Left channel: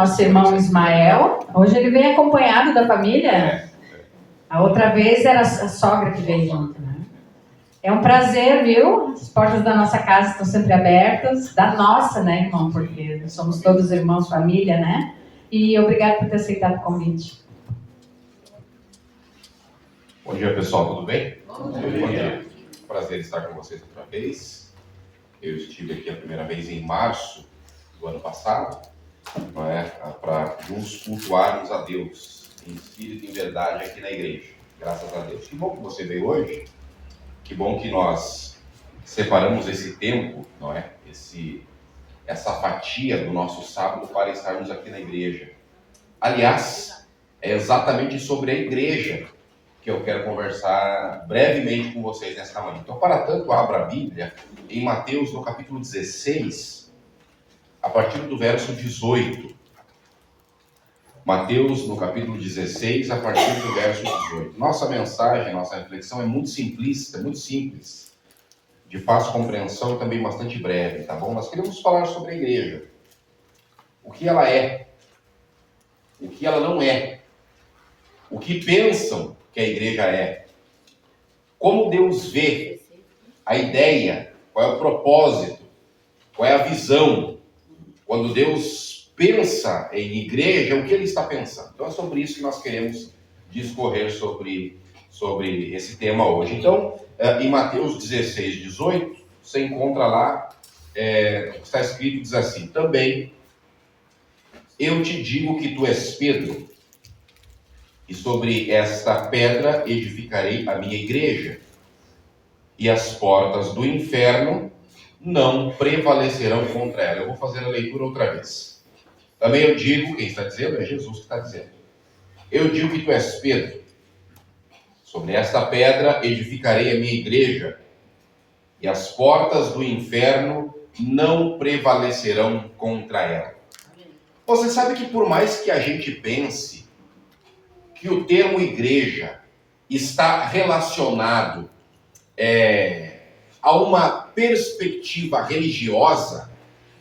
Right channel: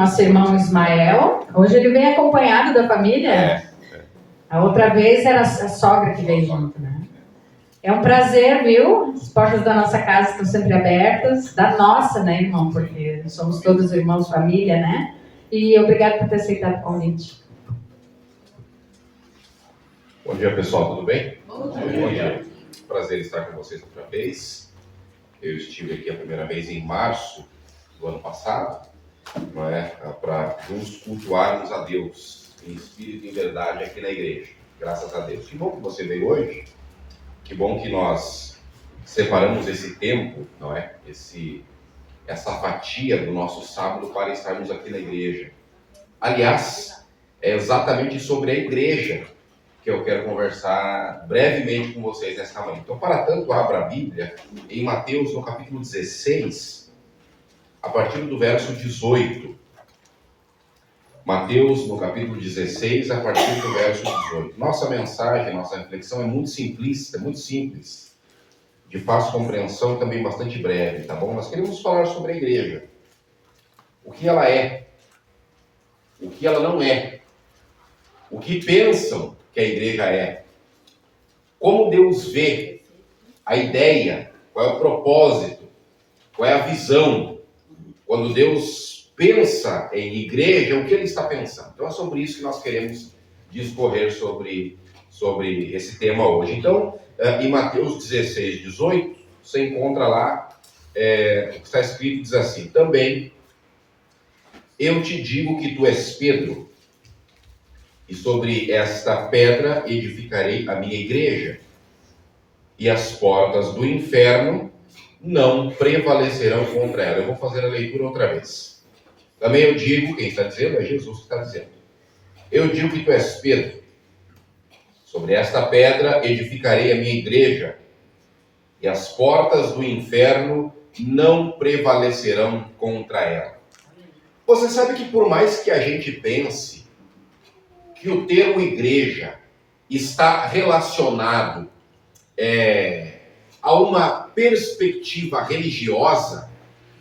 nosso irmão Ismael. Hoje ele vem acompanhado da família. A outra vez era a sogra que veio junto, né? É um prazer, viu? As portas da nossa casa estão sempre abertas. Da nossa, né, irmão? Porque somos todos irmãos, família, né? E obrigado por ter aceitado o convite. Bom dia, pessoal. Tudo bem? Bom dia. Prazer estar com vocês outra vez. Eu estive aqui a primeira vez em março do ano passado, não é? Para nos cultuarmos a Deus em espírito e em verdade aqui na igreja. Graças a Deus. Que bom que você veio hoje. Que bom que nós separamos esse tempo, não é? Essa fatia do nosso sábado para estarmos aqui na igreja. Aliás, é exatamente sobre a igreja que eu quero conversar brevemente com vocês nesta manhã. Então, para tanto, abra a Bíblia em Mateus, no capítulo 16, a partir do verso 18. Mateus, no capítulo 16, a partir do verso 18. Nossa mensagem, nossa reflexão é muito simplista, muito simples, de fácil compreensão e também bastante breve, tá bom? Nós queremos falar sobre a igreja. O que ela é, o que ela não é, o que pensam que a igreja é, como Deus vê a ideia, qual é o propósito, qual é a visão. Quando Deus pensa em igreja, o que Ele está pensando? Então é sobre isso que nós queremos discorrer sobre esse tema hoje. Então, em Mateus 16, 18, você encontra lá o que está escrito, diz assim: também eu te digo que tu és Pedro, e sobre esta pedra edificarei a minha igreja, e as portas do inferno não prevalecerão contra ela. Eu vou fazer a leitura outra vez. Também eu digo, quem está dizendo é Jesus que está dizendo. Eu digo que tu és Pedro, sobre esta pedra edificarei a minha igreja, e as portas do inferno não prevalecerão contra ela. Você sabe que por mais que a gente pense que o termo igreja está relacionado a uma perspectiva religiosa,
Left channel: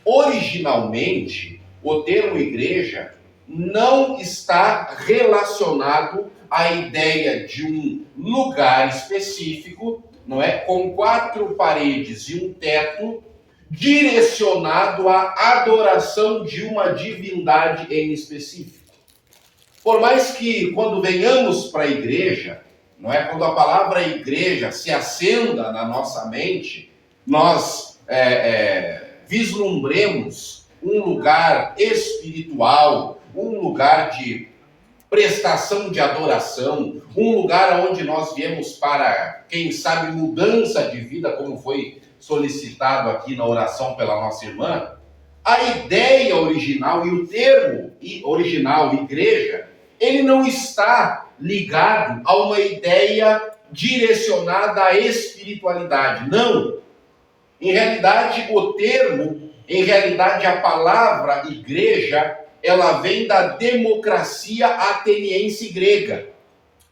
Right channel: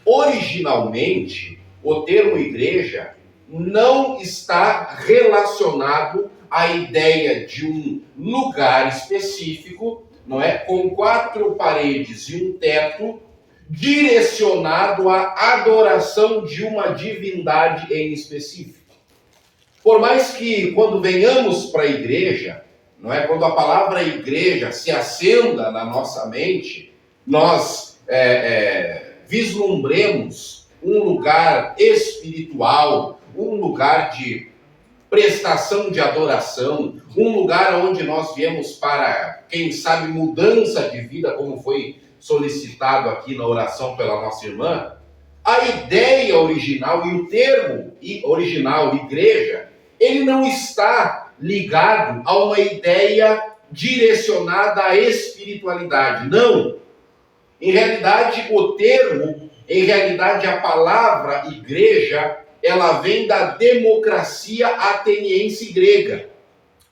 originalmente o termo igreja não está relacionado à ideia de um lugar específico, não é? Com 4 paredes e um teto, direcionado à adoração de uma divindade em específico. Por mais que quando venhamos para a igreja, não é? Quando a palavra igreja se acenda na nossa mente, nós vislumbremos um lugar espiritual, um lugar de prestação de adoração, um lugar onde nós viemos para, quem sabe, mudança de vida, como foi solicitado aqui na oração pela nossa irmã. A ideia original e o termo original, igreja, ele não está ligado a uma ideia direcionada à espiritualidade. Não. Em realidade, o termo, a palavra igreja, ela vem da democracia ateniense grega.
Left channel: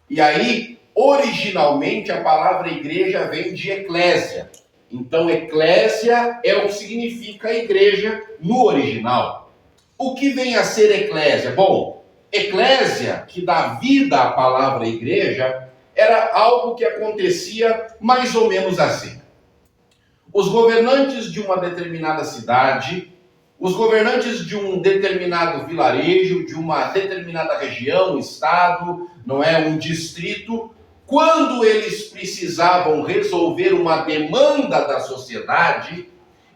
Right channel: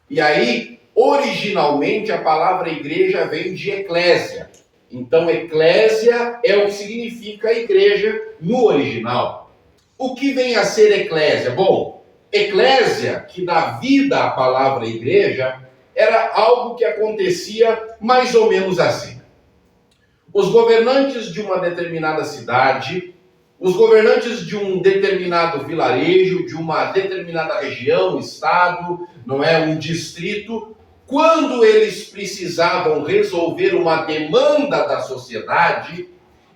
E aí, originalmente, a palavra igreja vem de eclésia. Então, eclésia é o que significa igreja no original. O que vem a ser eclésia? Bom, eclésia, que dá vida à palavra igreja, era algo que acontecia mais ou menos assim. Os governantes de uma determinada cidade, os governantes de um determinado vilarejo, de uma determinada região, estado, não é, um distrito, quando eles precisavam resolver uma demanda da sociedade,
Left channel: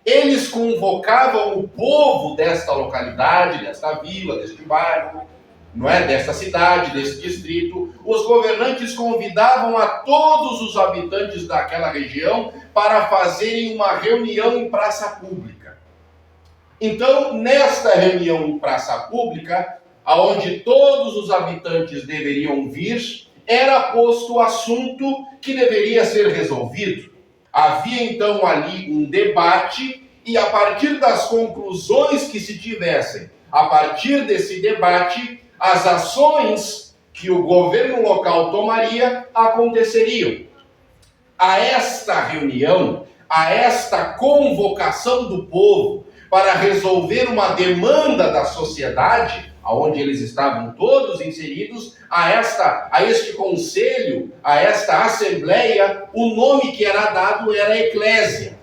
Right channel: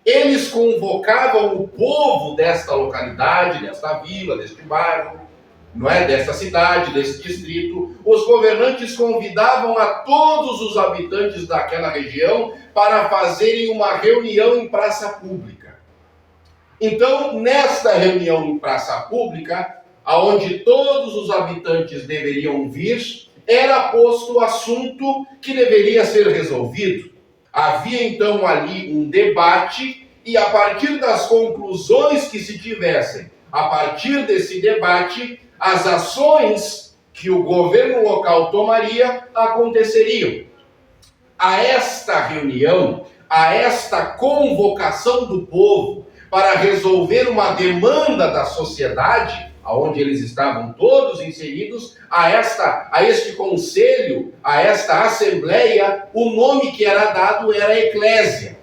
eles convocavam o povo desta localidade, desta vila, deste bairro, não é, desta cidade, desse distrito. Os governantes convidavam a todos os habitantes daquela região para fazerem uma reunião em praça pública. Então, nesta reunião em praça pública, aonde todos os habitantes deveriam vir, era posto o assunto que deveria ser resolvido. Havia então ali um debate, e a partir das conclusões que se tivessem, a partir desse debate, as ações que o governo local tomaria aconteceriam. A esta reunião, a esta convocação do povo para resolver uma demanda da sociedade, aonde eles estavam todos inseridos, a este conselho, a esta assembleia, o nome que era dado era eclésia.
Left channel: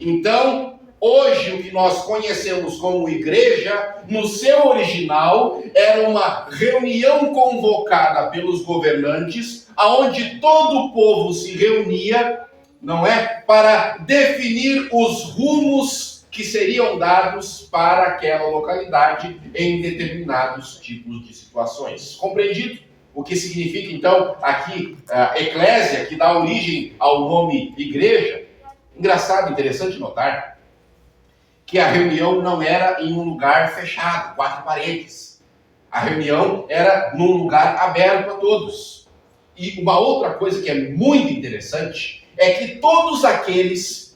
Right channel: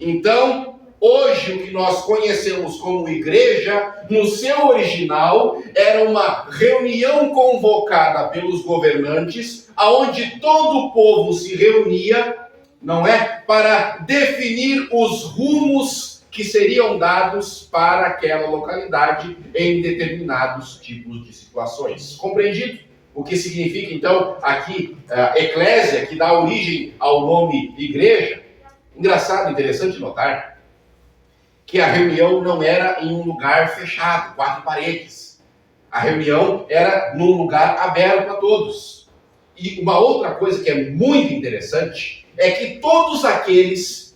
Então, hoje o que nós conhecemos como igreja, no seu original, era uma reunião convocada pelos governantes, aonde todo o povo se reunia, não é, para definir os rumos que seriam dados para aquela localidade em determinados tipos de situações. Compreendido? O que significa, então, aqui, eclésia, que dá origem ao nome igreja. Engraçado, interessante notar que a reunião não era em um lugar fechado, 4 paredes. A reunião era num lugar aberto a todos. E uma outra coisa que é muito interessante é que todos aqueles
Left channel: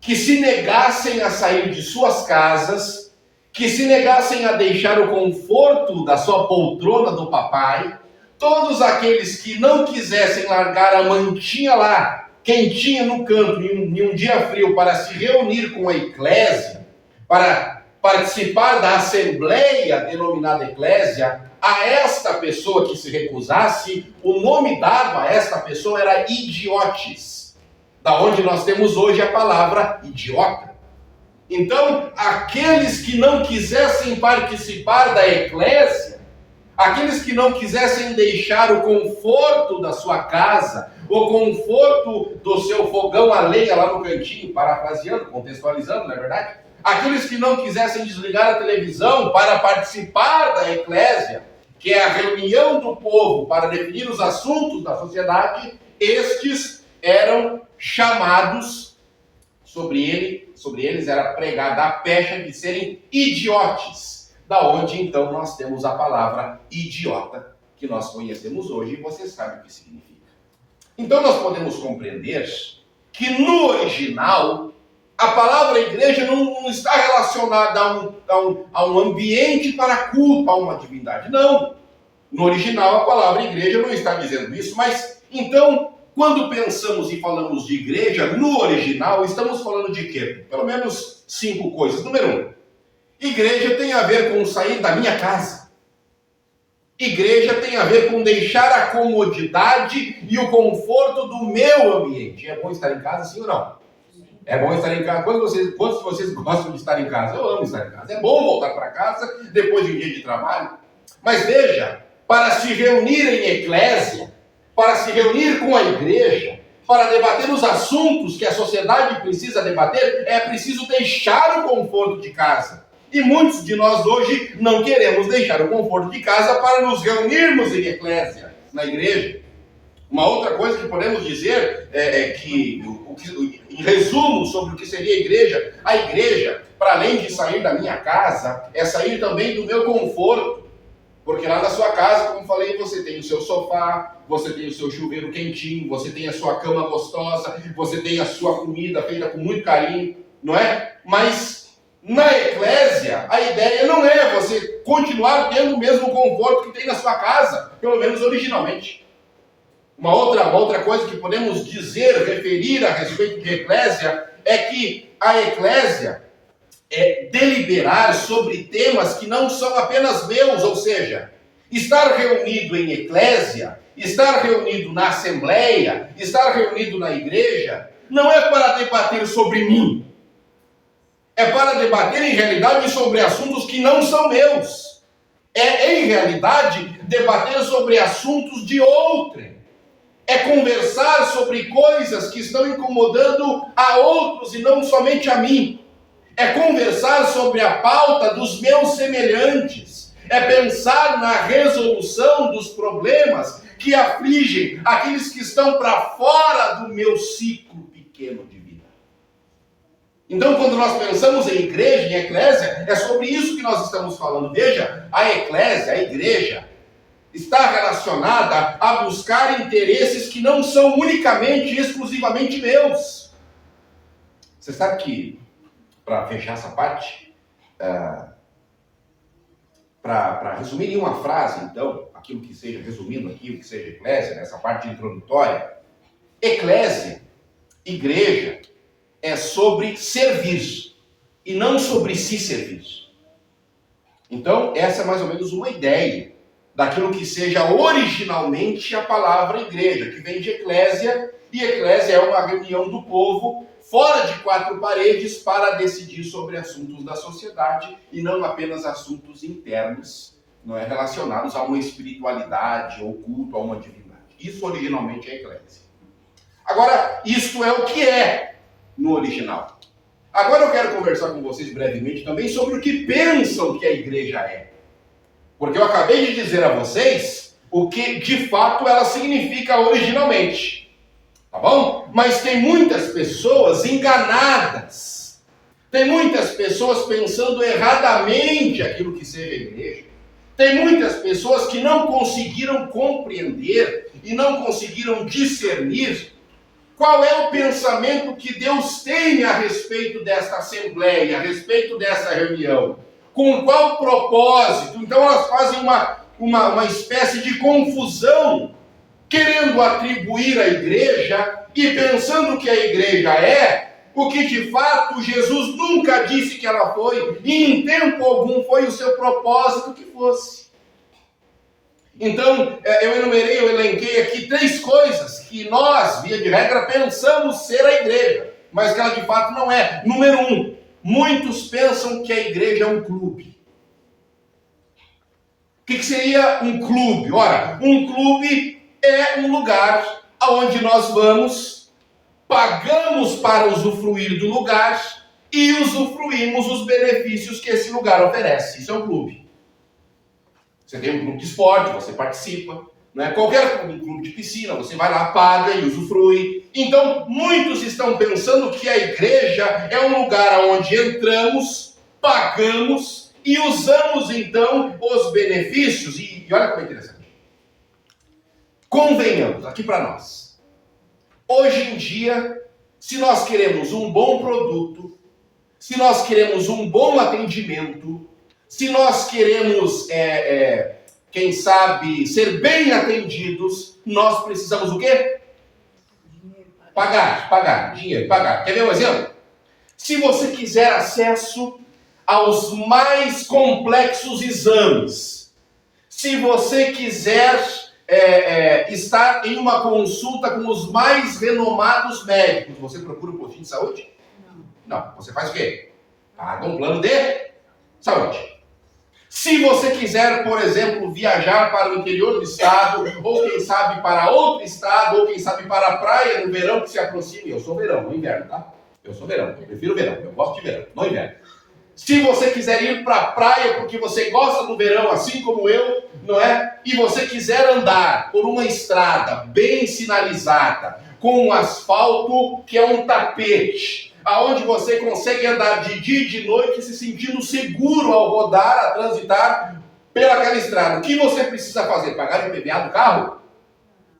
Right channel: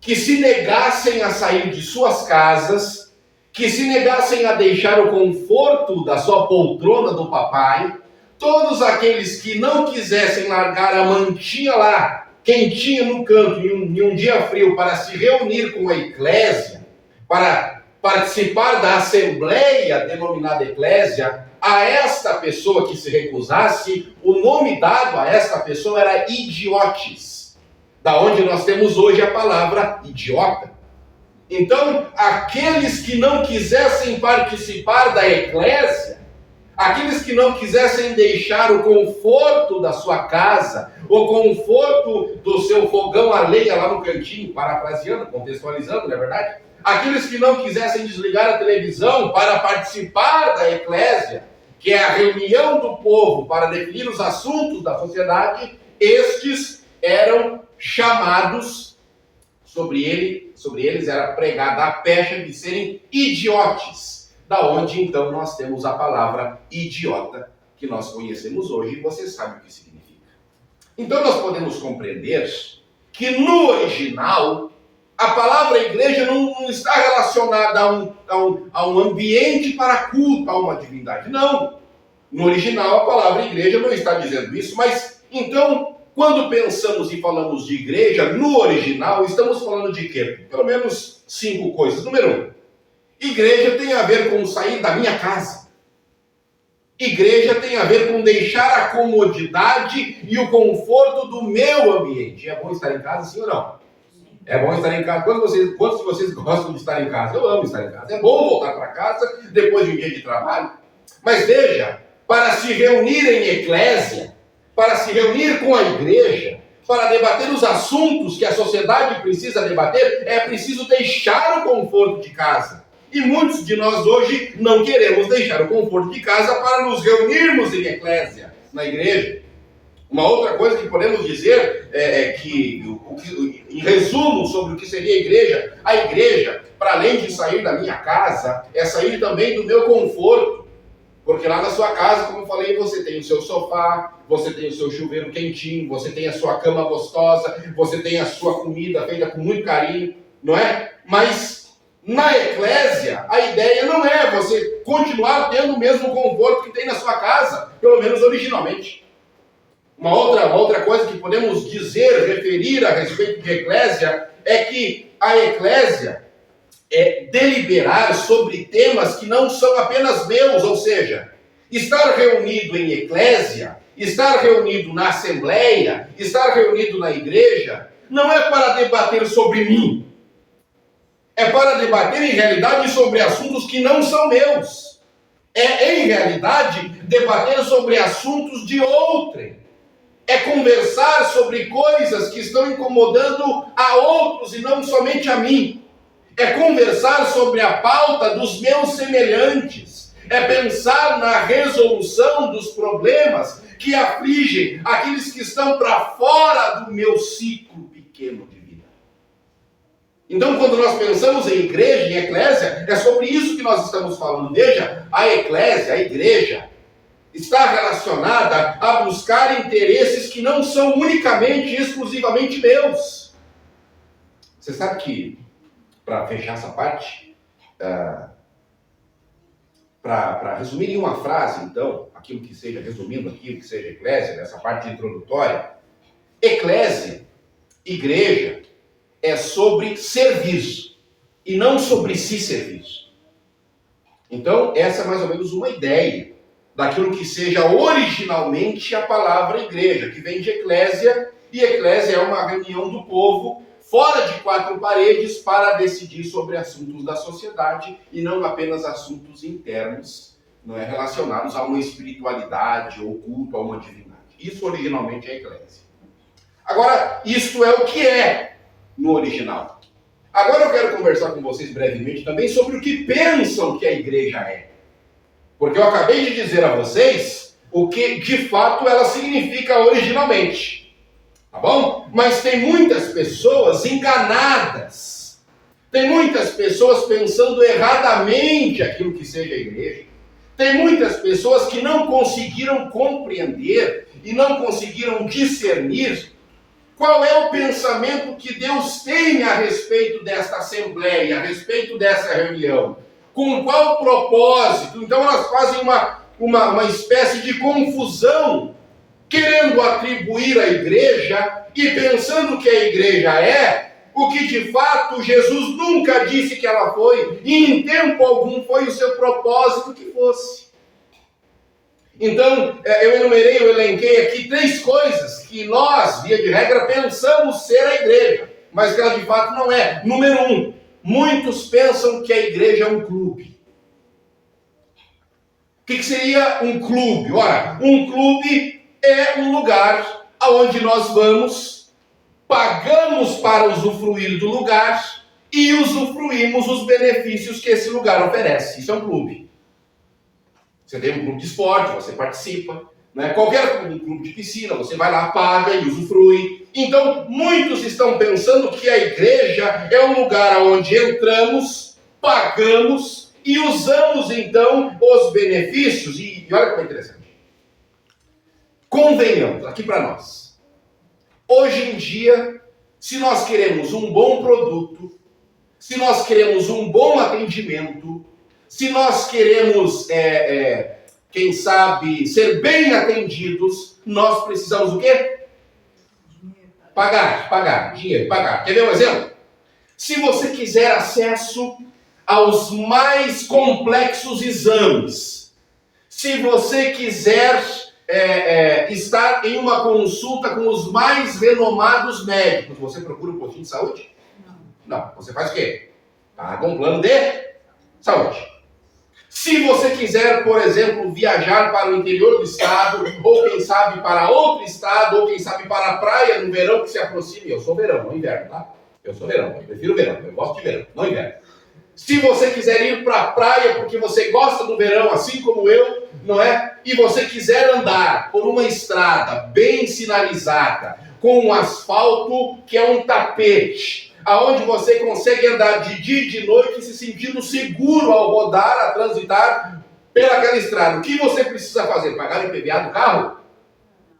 que se negassem a sair de suas casas, que se negassem a deixar o conforto da sua poltrona do papai, todos aqueles que não quisessem largar a mantinha lá, quentinha no canto, em um dia frio, para se reunir com a eclésia, para participar da assembleia denominada eclésia, a esta pessoa que se recusasse, o nome dado a esta pessoa era idiotes, da onde nós temos hoje a palavra idiota. Então, aqueles que não quisessem participar da eclésia, aqueles que não quisessem deixar o conforto da sua casa, o conforto do seu fogão a lenha lá no cantinho, parafraseando, contextualizando, não é verdade? Aqueles que não quisessem desligar a televisão para participar da eclésia, que é a reunião do povo para definir os assuntos da sociedade, estes eram chamados, sobre eles era pregada a pecha de serem idiotes. Da onde, então, nós temos a palavra idiota, que nós conhecemos hoje, e você sabe o que significa. Então, nós podemos compreender que, no original, a palavra igreja não está relacionada a um ambiente para culto, a uma divindade. Não. No original, a palavra igreja não está dizendo isso, mas, então, quando pensamos e falamos de igreja, no original, estamos falando de quê? Pelo menos 5 coisas. Número 1. Igreja tem a ver com sair da minha casa. Igreja tem a ver com deixar a comodidade e o conforto do meu ambiente. É bom estar em casa, sim ou não? É bom estar em casa. Quantos de vocês gostam de estar em casa? Eu amo estar em casa. É bom voltar para casa depois de um dia de trabalho. Mas veja, para se reunir em eclésia, para se reunir com a igreja, para debater os assuntos que a sociedade precisa debater, é preciso deixar o conforto de casa. E muitos de nós hoje não queremos deixar o conforto de casa para nos reunirmos em eclésia, na igreja. Uma outra coisa que podemos dizer em resumo, sobre o que seria a igreja, para além de sair da minha casa, é sair também do meu conforto. Porque lá na sua casa, como eu falei, você tem o seu sofá, você tem o seu chuveiro quentinho, você tem a sua cama gostosa, você tem a sua comida feita com muito carinho, não é? Mas na eclésia, a ideia não é você continuar tendo o mesmo conforto que tem na sua casa, pelo menos originalmente. Uma outra coisa que podemos dizer, referir a respeito de eclésia, é que a eclésia é deliberar sobre temas que não são apenas meus, ou seja, estar reunido em eclésia, estar reunido na assembleia, estar reunido na igreja, não é para debater sobre mim. É para debater, em realidade, sobre assuntos que não são meus. É, em realidade, debater sobre assuntos de outrem. É conversar sobre coisas que estão incomodando a outros e não somente a mim. É conversar sobre a pauta dos meus semelhantes. É pensar na resolução dos problemas que afligem aqueles que estão para fora do meu ciclo pequeno de vida. Então, quando nós pensamos em igreja, em eclésia, é sobre isso que nós estamos falando. Veja, a eclésia, a igreja, está relacionada a buscar interesses que não são unicamente e exclusivamente meus. Você sabe que, para fechar essa parte, para resumir em uma frase, então, aquilo que seja, resumindo aqui, o que seja eclésia, nessa parte introdutória, eclésia, igreja, é sobre servir. e não sobre si servir. Então, essa é mais ou menos uma ideia daquilo que seja originalmente a palavra igreja, que vem de eclésia, e eclésia é uma reunião do povo fora de quatro paredes para decidir sobre assuntos da sociedade e não apenas assuntos internos, não é, relacionados a uma espiritualidade ou culto a uma divindade. Isso originalmente é eclésia. Agora, isto é o que é no original. Agora eu quero conversar com vocês brevemente também sobre o que pensam que a igreja é. Porque eu acabei de dizer a vocês o que de fato ela significa originalmente. Tá bom? Mas tem muitas pessoas enganadas. Tem muitas pessoas pensando erradamente aquilo que seja a igreja. Tem muitas pessoas que não conseguiram compreender e não conseguiram discernir qual é o pensamento que Deus tem a respeito desta assembleia, a respeito dessa reunião. Com qual propósito? Então elas fazem uma espécie de confusão, querendo atribuir à igreja e pensando que a igreja é o que de fato Jesus nunca disse que ela foi, e em tempo algum foi o seu propósito que fosse. Então, eu elenquei aqui 3 coisas que nós, via de regra, pensamos ser a igreja, mas que ela de fato não é. Número 1, muitos pensam que a igreja é um clube. O que seria um clube? Ora, um clube é um lugar onde nós vamos, pagamos para usufruir do lugar e usufruímos os benefícios que esse lugar oferece. Isso é um clube. Você tem um clube de esporte, você participa, né? Qualquer clube de piscina, você vai lá, paga e usufrui. Então, muitos estão pensando que a igreja é um lugar onde entramos, pagamos e usamos, então, os benefícios. E olha como é interessante. Convenhamos, aqui para nós. Hoje em dia, se nós queremos um bom produto, se nós queremos um bom atendimento, se nós queremos, quem sabe, ser bem atendidos, nós precisamos o quê? Pagar, dinheiro, pagar. Quer ver um exemplo? Se você quiser acesso aos mais complexos exames, se você quiser estar em uma consulta com os mais renomados médicos, você procura um postinho de saúde? Não. Você faz o quê? Paga um plano de saúde. Se você quiser, por exemplo, viajar para o interior do estado, ou quem sabe para outro estado, ou quem sabe para a praia no verão que se aproxime. Eu sou verão, não inverno, tá? Eu sou verão, eu prefiro verão, eu gosto de verão, não inverno. Se você quiser ir para a praia porque você gosta do verão, assim como eu, não é? E você quiser andar por uma estrada bem sinalizada, com um asfalto que é um tapete, aonde você consegue andar de dia e de noite se sentindo seguro ao rodar, a transitar pelaquela estrada. O que você precisa fazer? Pagar o IPVA do carro?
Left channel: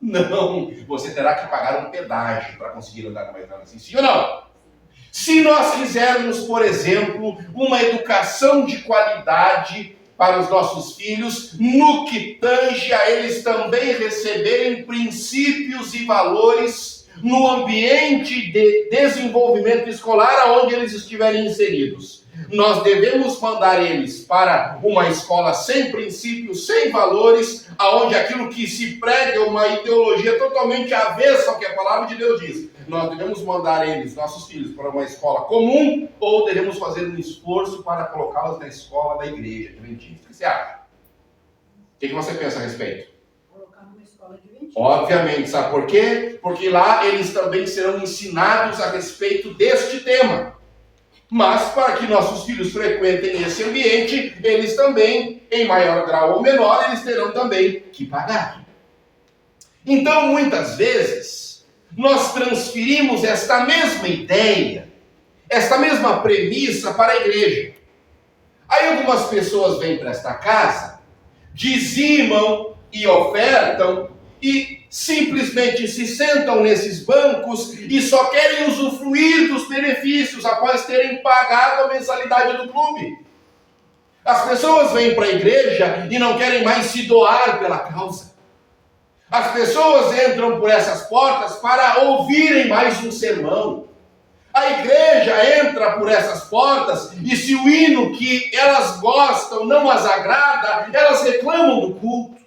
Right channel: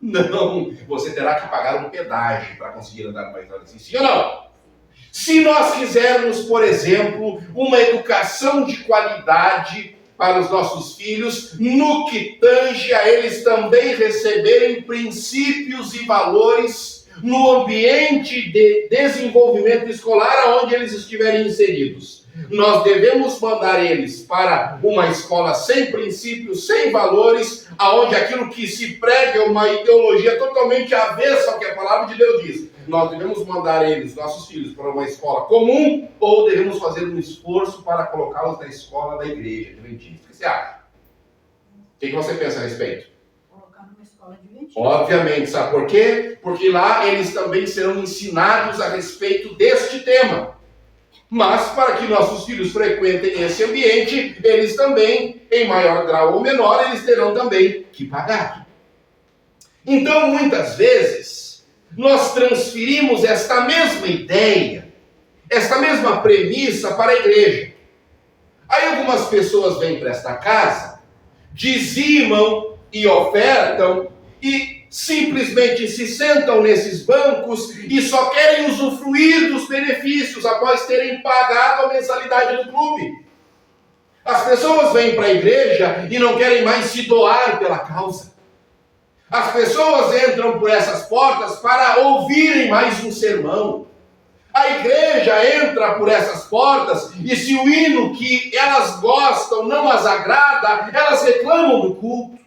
Não, você terá que pagar um pedágio para conseguir andar numa estrada assim, sim ou não? Se nós quisermos, por exemplo, uma educação de qualidade para os nossos filhos, no que tange a eles também receberem princípios e valores no ambiente de desenvolvimento escolar onde eles estiverem inseridos. Nós devemos mandar eles para uma escola sem princípios, sem valores, aonde aquilo que se prega é uma ideologia totalmente avessa ao que a palavra de Deus diz. Nós devemos mandar eles, nossos filhos, para uma escola comum ou devemos fazer um esforço para colocá-los na escola da igreja adventista? O que você acha? O que você pensa a respeito? Obviamente, sabe por quê? Porque lá eles também serão ensinados a respeito deste tema. Mas para que nossos filhos frequentem esse ambiente, eles também, em maior grau ou menor, eles terão também que pagar. Então, muitas vezes, nós transferimos esta mesma ideia, esta mesma premissa para a igreja. Aí algumas pessoas vêm para esta casa, dizimam e ofertam, e simplesmente se sentam nesses bancos e só querem usufruir dos benefícios após terem pagado a mensalidade do clube. As pessoas vêm para a igreja e não querem mais se doar pela causa. As pessoas entram por essas portas para ouvirem mais um sermão. A igreja entra por essas portas e se o hino que elas gostam não as agrada, elas reclamam do culto.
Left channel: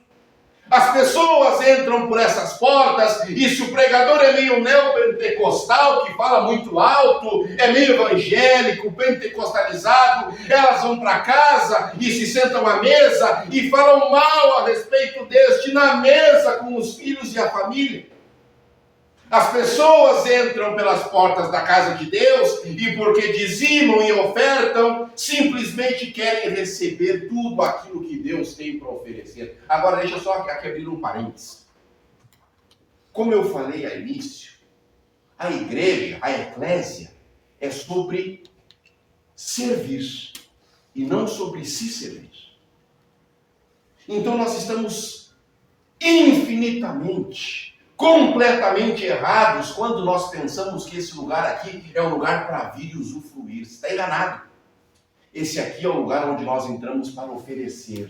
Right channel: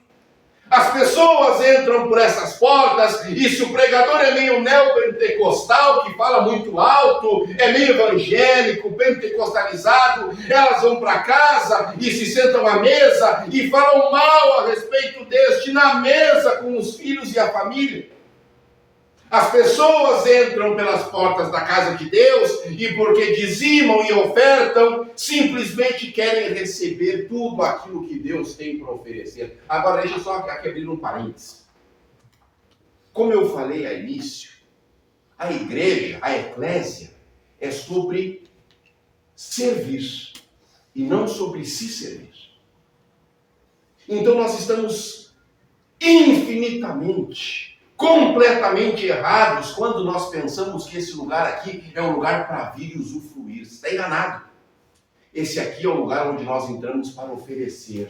As pessoas entram por essas portas e se o pregador é meio neopentecostal, que fala muito alto, é meio evangélico, pentecostalizado, elas vão para casa e se sentam à mesa e falam mal a respeito deste na mesa com os filhos e a família. As pessoas entram pelas portas da casa de Deus e porque dizimam e ofertam, simplesmente querem receber tudo aquilo que Deus tem para oferecer. Agora deixa eu só aqui abrir um parênteses. Como eu falei ao início, a igreja, a eclésia, é sobre servir e não sobre se servir. Então nós estamos infinitamente completamente errados quando nós pensamos que esse lugar aqui é um lugar para vir e usufruir. Você está enganado. Esse aqui é o lugar onde nós entramos para oferecer.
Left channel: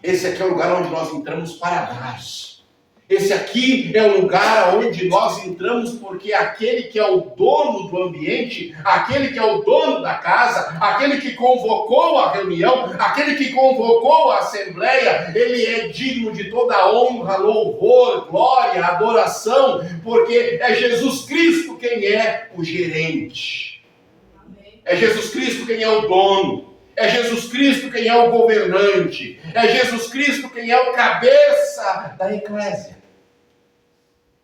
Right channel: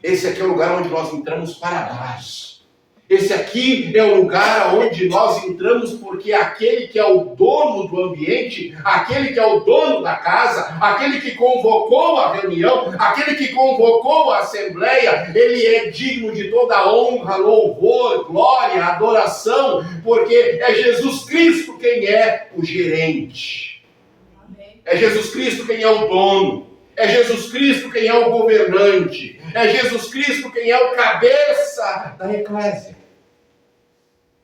Esse aqui é o lugar onde nós entramos para dar. Esse aqui é o lugar onde nós entramos porque aquele que é o dono do ambiente, aquele que é o dono da casa, aquele que convocou a reunião, aquele que convocou a assembleia, ele é digno de toda honra, louvor, glória, adoração, porque é Jesus Cristo quem é o gerente. É Jesus Cristo quem é o dono. É Jesus Cristo quem é o governante. É Jesus Cristo quem é o cabeça da eclésia.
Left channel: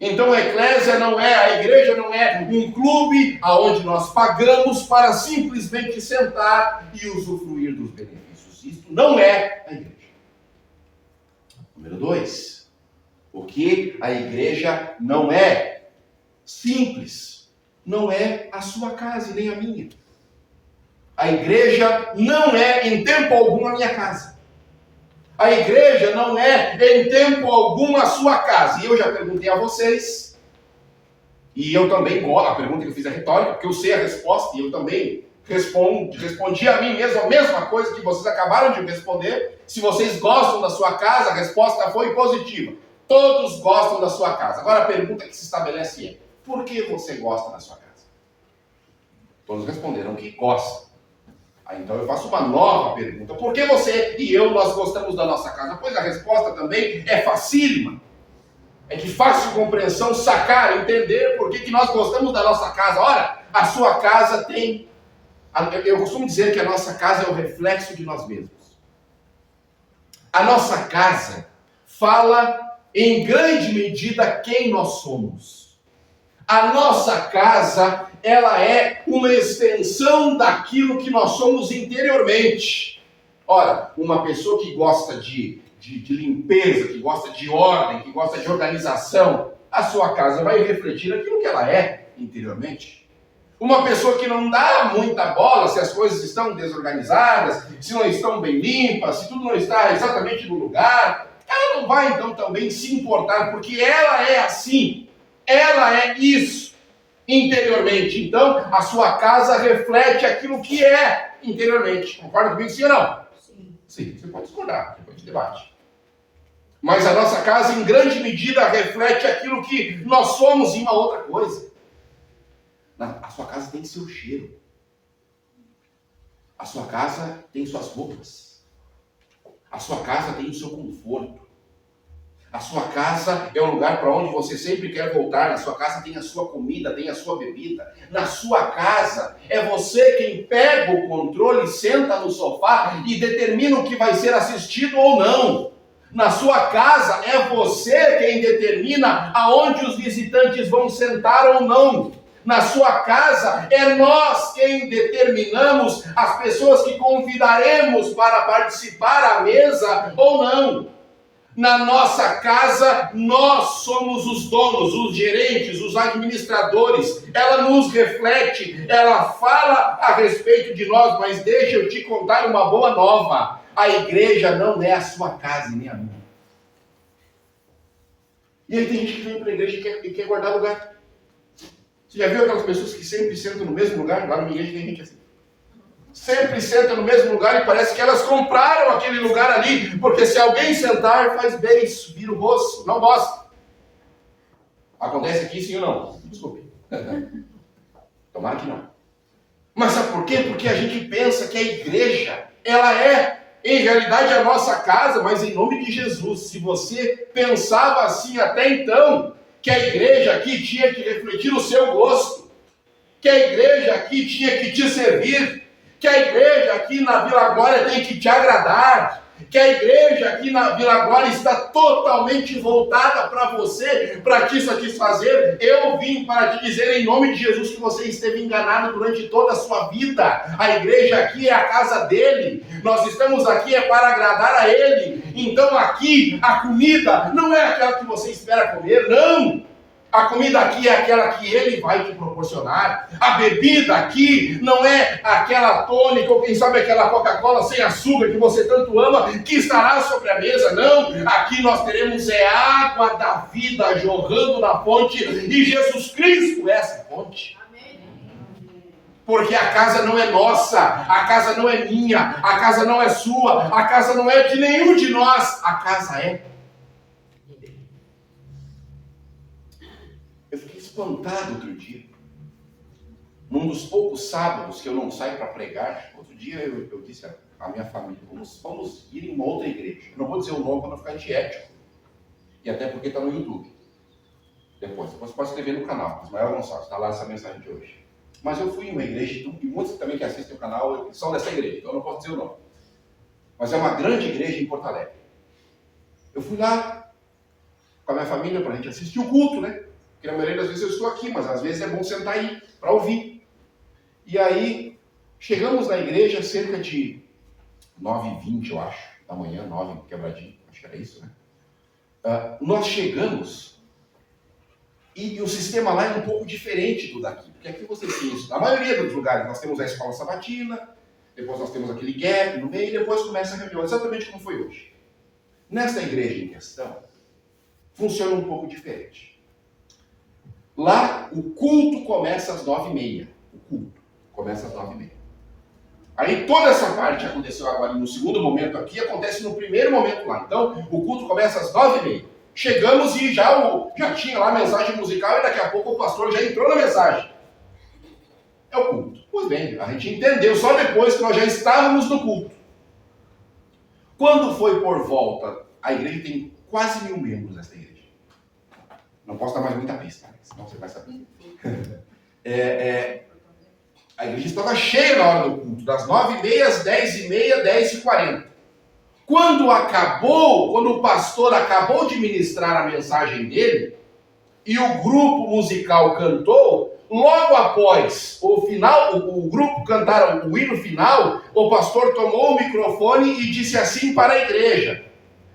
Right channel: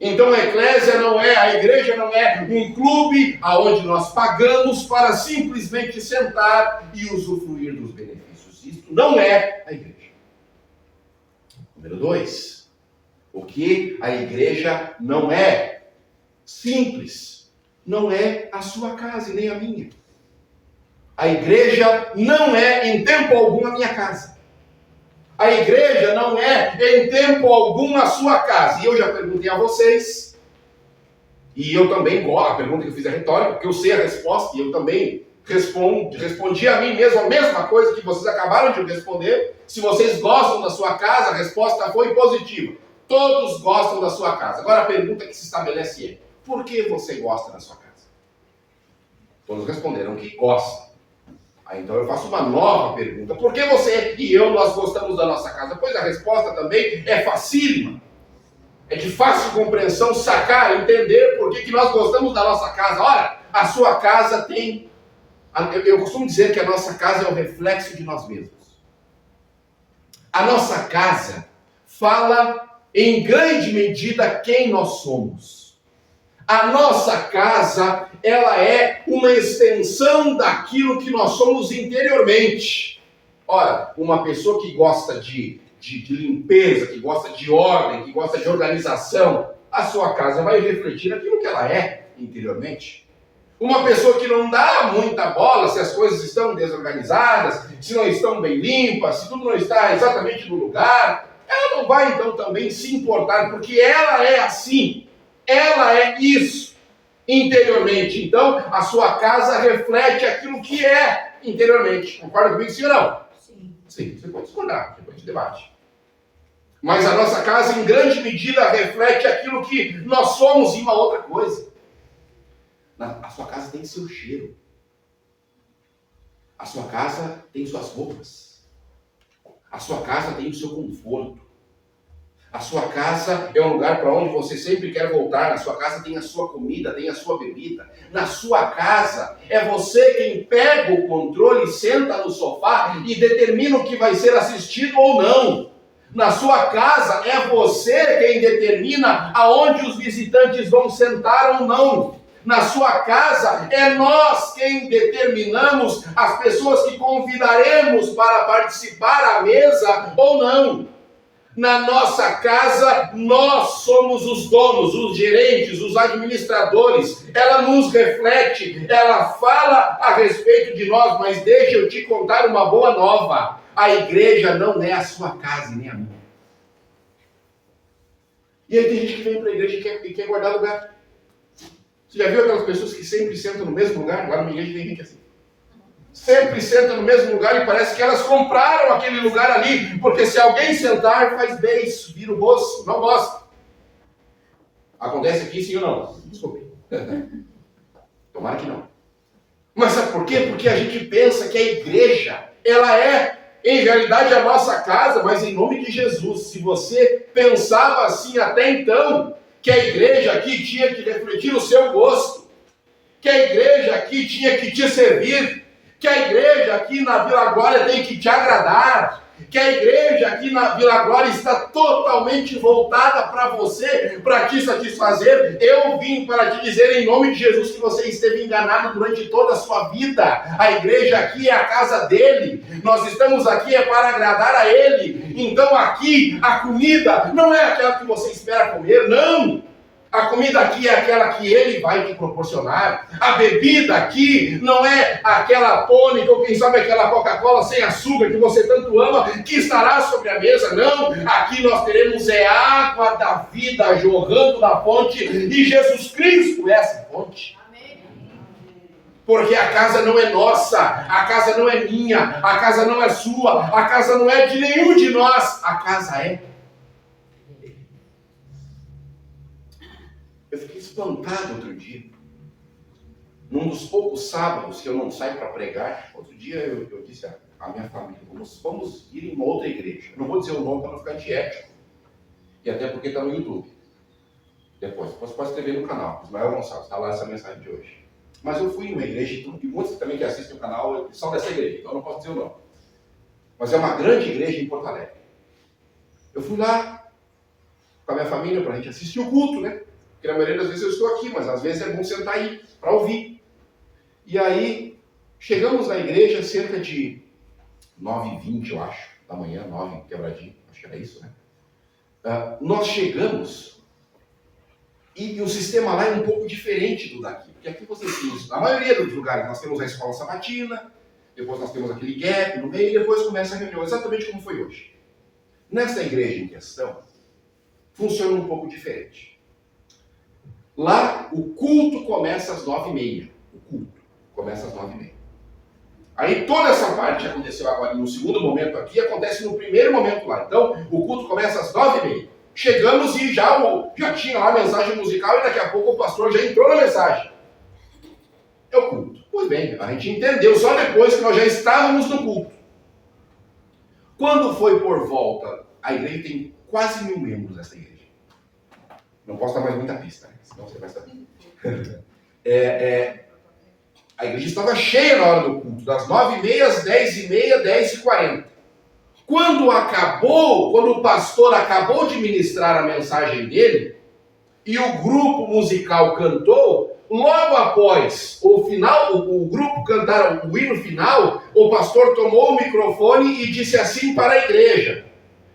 Então a eclésia não é, a igreja não é um clube aonde nós pagamos para simplesmente sentar e usufruir dos benefícios. Isto não é a igreja. Número 2. O que a igreja não é simples. Não é a sua casa e nem a minha. A igreja não é em tempo algum a minha casa. A igreja não é em tempo algum a sua casa. E eu já perguntei a vocês, e eu também gosto, a pergunta que eu fiz é retórica, porque eu sei a resposta, e eu também respondi a mim mesmo a mesma coisa que vocês acabaram de responder. Se vocês gostam da sua casa, a resposta foi positiva. Todos gostam da sua casa. Agora a pergunta que se estabelece é, por que você gosta da sua casa? Todos responderam que gostam. Então eu faço uma nova pergunta. Por que você e eu, nós gostamos da nossa casa? Pois a resposta também é facílima. É de fácil compreensão, sacar, entender por que nós gostamos da nossa casa. Ora, a sua casa tem... Eu costumo dizer que a nossa casa é o reflexo de nós mesmos. A nossa casa fala em grande medida quem nós somos. A nossa casa, ela é uma extensão daquilo que nós somos interiormente. Ora, uma pessoa que gosta de limpeza, que gosta de ordem, que gosta de organização, a sua casa vai refletir aquilo que ela é interiormente. Uma pessoa que não dá muita bola se as coisas estão desorganizadas, se não estão bem limpas, se tudo não está exatamente no lugar, ela não vai então também se importar, porque ela é assim. Ela é isso interiormente. Então, a sua casa reflete aquilo que é interiormente. Concorda comigo, sim ou não? Sim. Sim, você pode discordar, depois de debate. Mas a nossa casa, em grande medida, reflete aquilo que nós somos e uma outra coisa. A sua casa tem seu cheiro. A sua casa tem suas roupas. A sua casa tem o seu conforto. A sua casa é um lugar para onde você sempre quer voltar. Na sua casa tem a sua comida, tem a sua bebida. Na sua casa é você quem pega o controle, senta no sofá e determina o que vai ser assistido ou não. Na sua casa é você quem determina aonde os visitantes vão sentar ou não. Na sua casa é nós quem determinamos as pessoas que convidaremos para participar à mesa ou não. Na nossa casa, nós somos os donos, os gerentes, os administradores. Ela nos reflete, ela fala a respeito de nós, mas deixa eu te contar uma boa nova. A igreja não é a sua casa e nem a minha. E aí tem gente que vem para a igreja e quer guardar lugar. Você já viu aquelas pessoas que sempre sentam no mesmo lugar? Lá na minha igreja tem gente assim. Sempre sentam no mesmo lugar e parece que elas compraram aquele lugar ali, porque se alguém sentar, faz beijo, vira o rosto, não gosta. Acontece aqui sim ou não? Desculpe. Tomara que não. Mas sabe por quê? Porque a gente pensa que a igreja, ela é, em realidade, a nossa casa, mas em nome de Jesus. Se você pensava assim até então, que a igreja aqui tinha que refletir o seu gosto, que a igreja aqui tinha que te servir, que a igreja aqui na Vila Glória tem que te agradar, que a igreja aqui na Vila Glória está totalmente voltada para você, para te satisfazer, eu vim para te dizer em nome de Jesus que você esteve enganado durante toda a sua vida. A igreja aqui é a casa dele, nós estamos aqui para agradar a ele. Então aqui a comida não é aquela que você espera comer, não. A comida aqui é aquela que ele vai te proporcionar. A bebida aqui não é aquela tônica ou quem sabe aquela Coca-Cola sem açúcar que você tanto ama, que estará sobre a mesa. Não, aqui nós teremos água da vida jorrando da fonte e Jesus Cristo é essa fonte. Porque a casa não é nossa, a casa não é minha, a casa não é sua, a casa não é de nenhum de nós, a casa é. Eu fiquei espantado outro dia, num dos poucos sábados que eu não saio para pregar. Outro dia eu disse à minha família, vamos ir em uma outra igreja. Eu não vou dizer o nome para não ficar antiético, e até porque está no YouTube. Depois pode escrever no canal, Ismael Gonçalves, está lá essa mensagem de hoje. Mas eu fui em uma igreja, e muitos também que assistem o canal são dessa igreja, então eu não posso dizer o nome. Mas é uma grande igreja em Porto Alegre. Eu fui lá com a minha família para a gente assistir o culto, né? Porque na maioria das vezes eu estou aqui, mas às vezes é bom sentar aí para ouvir. E aí, chegamos na igreja cerca de 9h20, eu acho, da manhã, 9 quebradinho, acho que era isso, né? Nós chegamos e o sistema lá é um pouco diferente do daqui. Porque aqui vocês têm isso. Na maioria dos lugares nós temos a escola sabatina, depois nós temos aquele gap no meio e depois começa a reunião, exatamente como foi hoje. Nesta igreja em questão, funciona um pouco diferente. Lá, o culto começa às 9h30. O culto começa às 9h30. Aí toda essa parte aconteceu agora no segundo momento aqui, acontece no primeiro momento lá. Então, o culto começa às 9h30. Chegamos e já tinha lá a mensagem musical e daqui a pouco o pastor já entrou na mensagem. É o culto. Pois bem, a gente entendeu só depois que nós já estávamos no culto. Quando foi por volta, a igreja tem quase 1000 membros nessa igreja. Não posso dar mais muita pista, né? Senão você vai saber. A igreja estava cheia na hora do culto, das 9h30 às 10h30, 10h40. Quando o pastor acabou de ministrar a mensagem dele, e o grupo musical cantou, logo após o grupo cantar o hino final, o pastor tomou o microfone e disse assim para a igreja:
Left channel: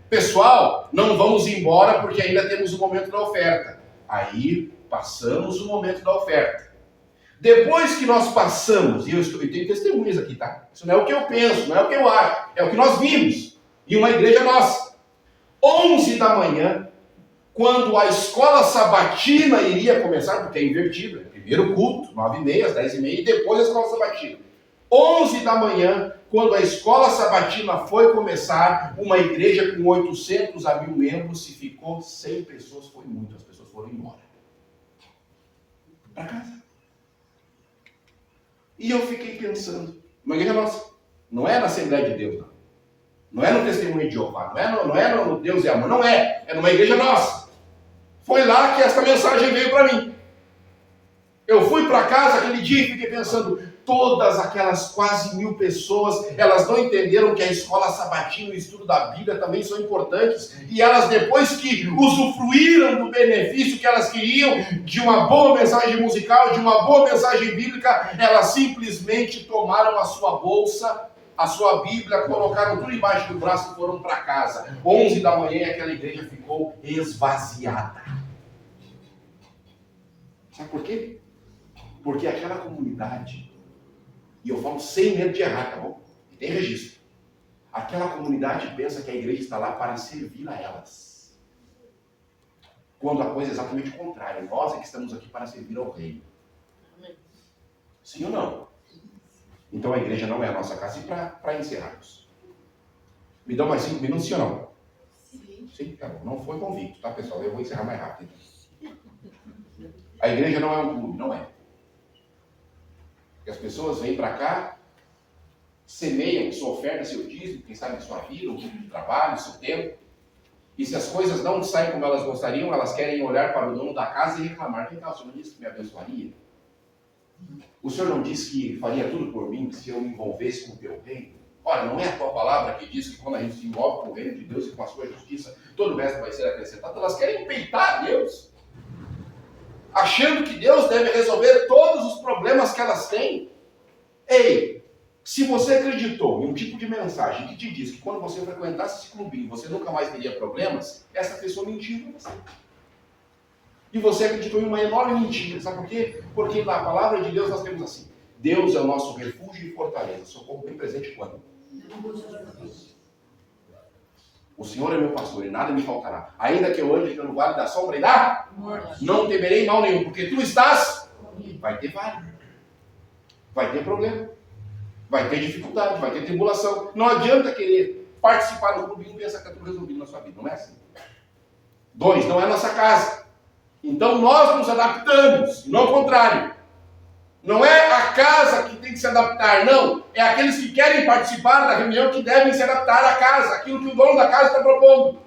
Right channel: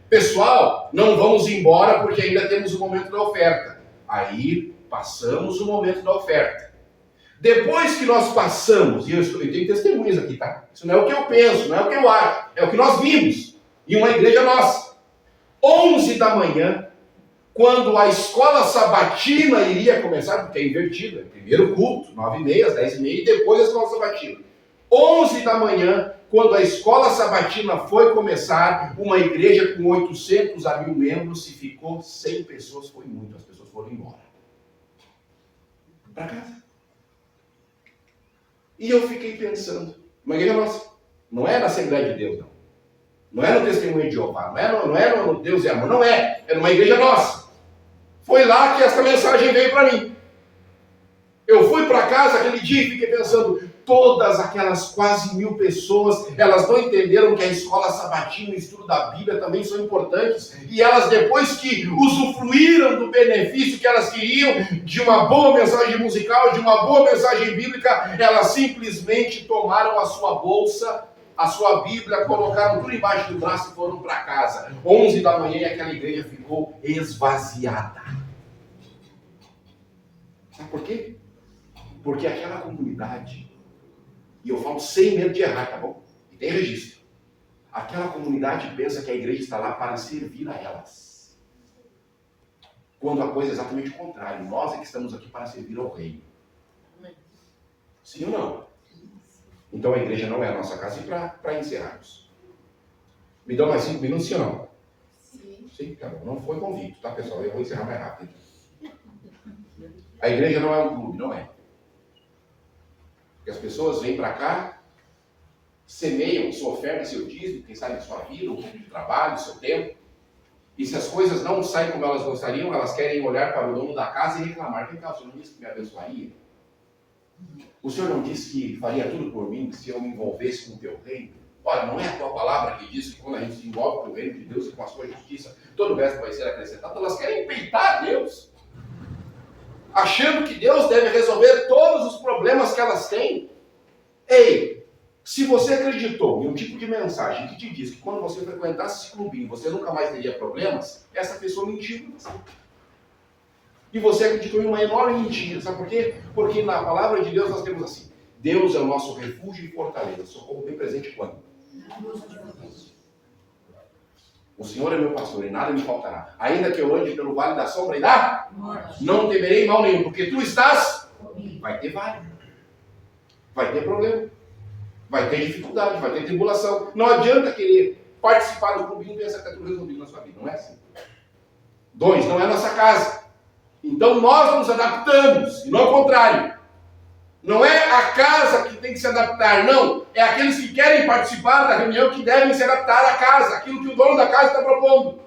pessoal, não vamos embora porque ainda temos o momento da oferta. Aí passamos o momento da oferta. Depois que nós passamos, e eu tenho testemunhas aqui, tá? Isso não é o que eu penso, não é o que eu acho, é o que nós vimos em uma igreja nossa. 11 da manhã, quando a escola sabatina iria começar, porque é invertido, é primeiro culto, 9h30, às 10h30, e depois a escola sabatina. 11 da manhã, quando a escola sabatina foi começar, uma igreja com 800 a 1000 membros, se ficou 100 pessoas, foi muito, as pessoas foram embora. Para casa. E eu fiquei pensando, uma igreja nossa, não é na Assembleia de Deus, não. Não é no Testemunho de Jeová, não é no Deus e Amor, não é. É numa igreja nossa. Foi lá que essa mensagem veio para mim. Eu fui para casa aquele dia e fiquei pensando, todas aquelas quase 1000 pessoas, elas não entenderam que a escola sabatina e o estudo da Bíblia também são importantes. E elas, depois que usufruíram do benefício que elas queriam, de uma boa mensagem musical, de uma boa mensagem bíblica, elas simplesmente tomaram a sua bolsa, a sua Bíblia, colocaram tudo embaixo do braço e foram para casa. 11 da manhã e aquela igreja ficou esvaziada. Sabe por quê? Porque aquela comunidade, e eu falo sem medo de errar, tá bom? E tem registro. Aquela comunidade pensa que a igreja está lá para servir a elas. Quando a coisa é exatamente o contrário. Nós é que estamos aqui para servir ao reino. Sim ou não? Então a igreja não é a nossa casa. E para encerrarmos, me dão mais 5 minutos, sim ou não? Sim. Sim, tá bom. Não foi convicto, tá, pessoal? Eu vou encerrar mais rápido. A igreja não é um clube, não é. Porque as pessoas vêm para cá, semeiam sua oferta, seu dízimo, quem sabe sua vida, um pouco de trabalho, seu tempo. E se as coisas não saem como elas gostariam, elas querem olhar para o dono da casa e reclamar. Vem cá, o senhor não disse que me abençoaria? O senhor não disse que faria tudo por mim se eu me envolvesse com o teu reino? Olha, não é a tua palavra que diz que quando a gente se envolve com o reino de Deus e com a sua justiça, todo o resto vai ser acrescentado. Elas querem peitar Deus, achando que Deus deve resolver todos os problemas que elas têm. Ei, se você acreditou em um tipo de mensagem que te diz que quando você frequentasse esse clubinho você nunca mais teria problemas, essa pessoa mentiu para você. E você acreditou em uma enorme mentira. Sabe por quê? Porque na palavra de Deus nós temos assim: Deus é o nosso refúgio e fortaleza, socorro bem presente quando? O Senhor é meu pastor e nada me faltará. Ainda que eu ande pelo vale da sombra e da morte, não temerei mal nenhum, porque tu estás. Vai ter vale, vai ter problema, vai ter dificuldade, vai ter tribulação. Não adianta querer participar do clubinho e pensar que está tudo resolvido na sua vida. Não é assim. 2, não é nossa casa. Então nós nos adaptamos, e não ao contrário. Não é a casa que tem que se adaptar, não. É aqueles que querem participar da reunião que devem se adaptar à casa, aquilo que o dono da casa está propondo.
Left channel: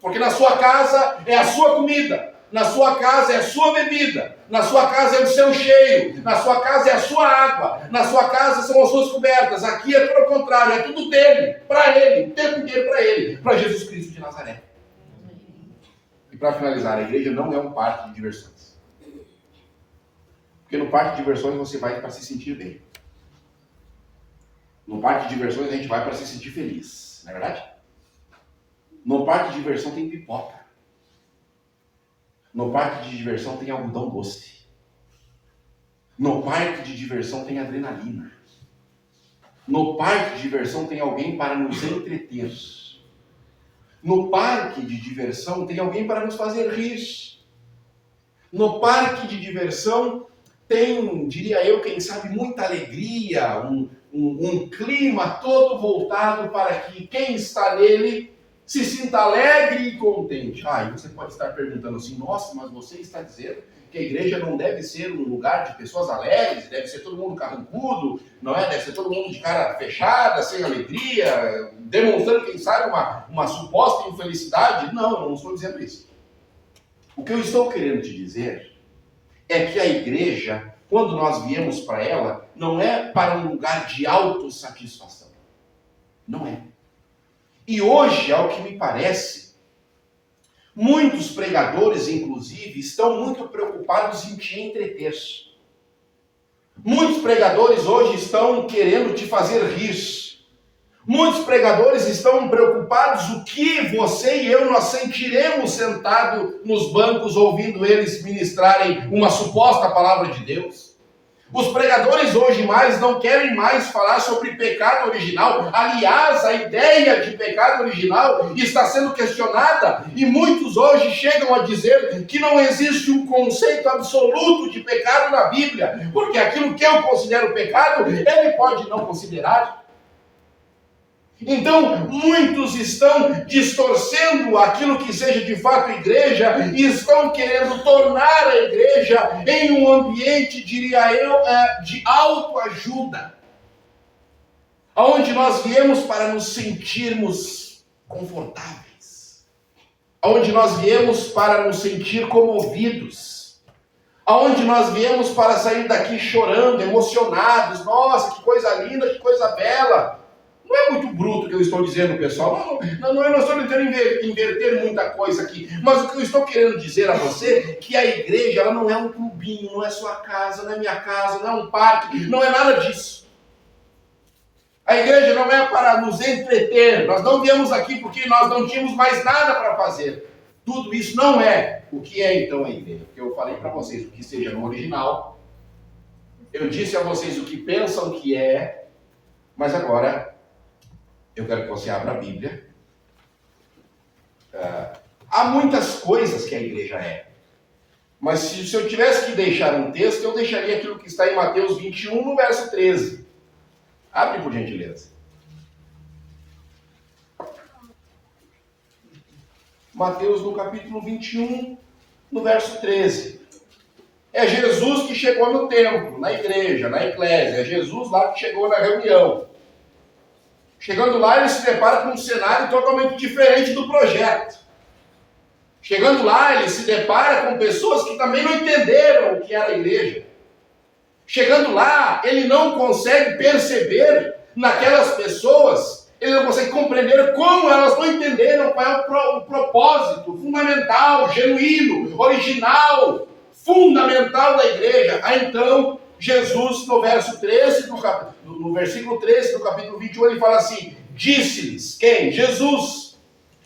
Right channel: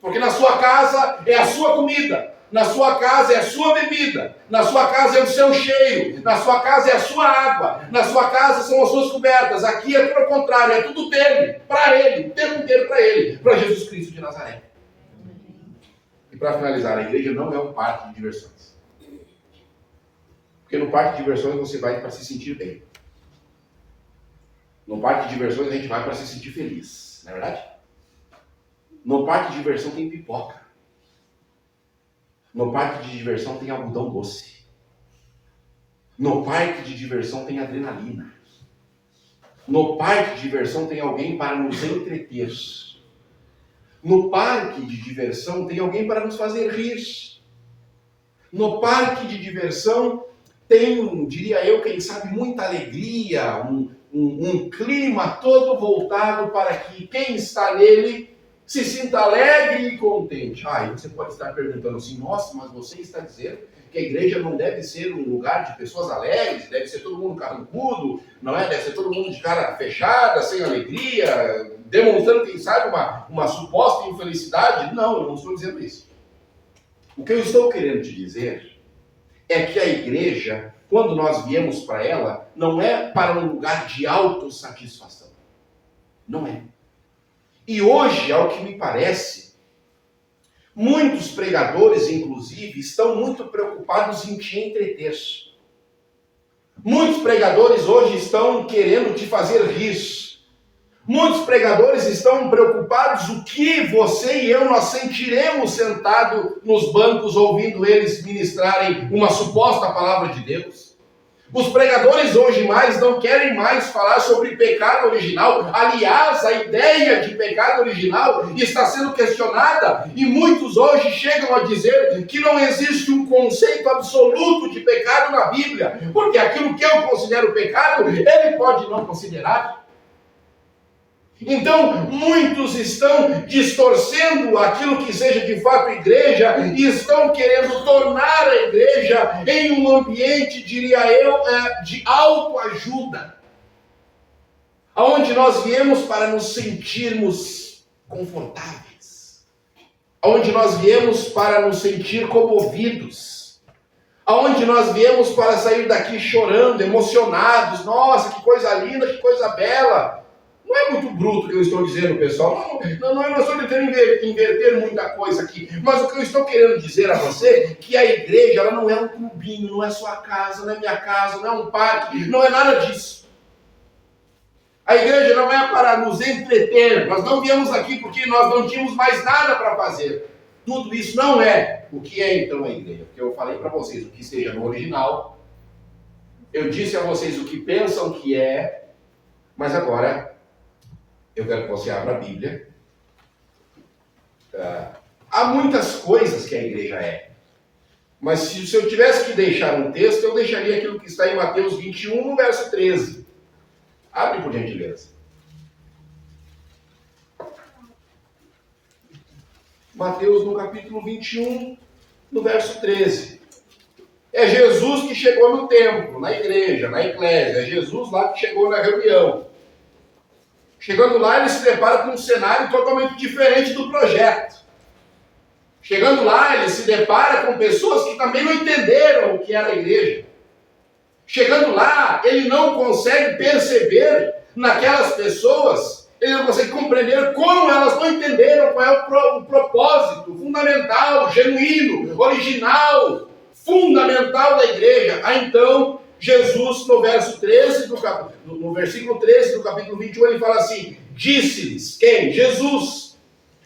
Porque na sua casa é a sua comida, na sua casa é a sua bebida, na sua casa é o seu cheiro, na sua casa é a sua água, na sua casa são as suas cobertas. Aqui é tudo ao contrário, é tudo dele, para ele, o tempo inteiro para ele, para Jesus Cristo de Nazaré. E para finalizar, a igreja não é um parque de diversões. Porque no parque de diversões você vai para se sentir bem. No parque de diversões a gente vai para se sentir feliz, não é verdade? No parque de diversão tem pipoca. No parque de diversão tem algodão doce. No parque de diversão tem adrenalina. No parque de diversão tem alguém para nos entreter. No parque de diversão tem alguém para nos fazer rir. No parque de diversão tem, diria eu, quem sabe, muita alegria, um clima todo voltado para que quem está nele se sinta alegre e contente. E você pode estar perguntando assim: nossa, mas você está dizendo que a igreja não deve ser um lugar de pessoas alegres, deve ser todo mundo carrancudo, não é? Deve ser todo mundo de cara fechada, sem alegria, demonstrando, quem sabe, uma suposta infelicidade. Não, eu não estou dizendo isso. O que eu estou querendo te dizer é que a igreja, quando nós viemos para ela, não é para um lugar de autossatisfação. Não é. E hoje, ao que me parece, muitos pregadores, inclusive, estão muito preocupados em te entreter. Muitos pregadores hoje estão querendo te fazer rir. Muitos pregadores estão preocupados o que você e eu nós sentiremos sentado nos bancos ouvindo eles ministrarem uma suposta palavra de Deus. Os pregadores hoje não querem mais falar sobre pecado original. Aliás, a ideia de pecado original está sendo questionada e muitos hoje chegam a dizer que não existe um conceito absoluto de pecado na Bíblia, porque aquilo que eu considero pecado, ele pode não considerar. Então, muitos estão distorcendo aquilo que seja de fato igreja e estão querendo tornar a igreja em um ambiente, diria eu, de autoajuda, onde nós viemos para nos sentirmos confortáveis, onde nós viemos para nos sentir comovidos, onde nós viemos para sair daqui chorando, emocionados. Nossa, que coisa linda, que coisa bela. Não é muito bruto o que eu estou dizendo, pessoal. Eu não estou tentando inverter muita coisa aqui. Mas o que eu estou querendo dizer a você é que a igreja ela não é um clubinho, não é sua casa, não é minha casa, não é um parque, não é nada disso. A igreja não é para nos entreter. Nós não viemos aqui porque nós não tínhamos mais nada para fazer. Tudo isso não é. O que é então a igreja? Porque eu falei para vocês o que seja no original. Eu disse a vocês o que pensam que é. Mas agora eu quero que você abra a Bíblia. Há muitas coisas que a igreja é. Mas se eu tivesse que deixar um texto, eu deixaria aquilo que está em Mateus 21, no verso 13. Abre por gentileza. Mateus no capítulo 21, no verso 13. é Jesus que chegou no templo, na igreja, na eclésia. É Jesus lá que chegou na reunião. Chegando lá, ele se depara com um cenário totalmente diferente do projeto. Chegando lá, ele se depara com pessoas que também não entenderam o que era a igreja. Chegando lá, ele não consegue perceber naquelas pessoas, ele não consegue compreender como elas não entenderam qual é o propósito fundamental, genuíno, original, fundamental da igreja. Então, Jesus, no versículo 13 do capítulo 21, ele fala assim: disse-lhes, quem? Jesus,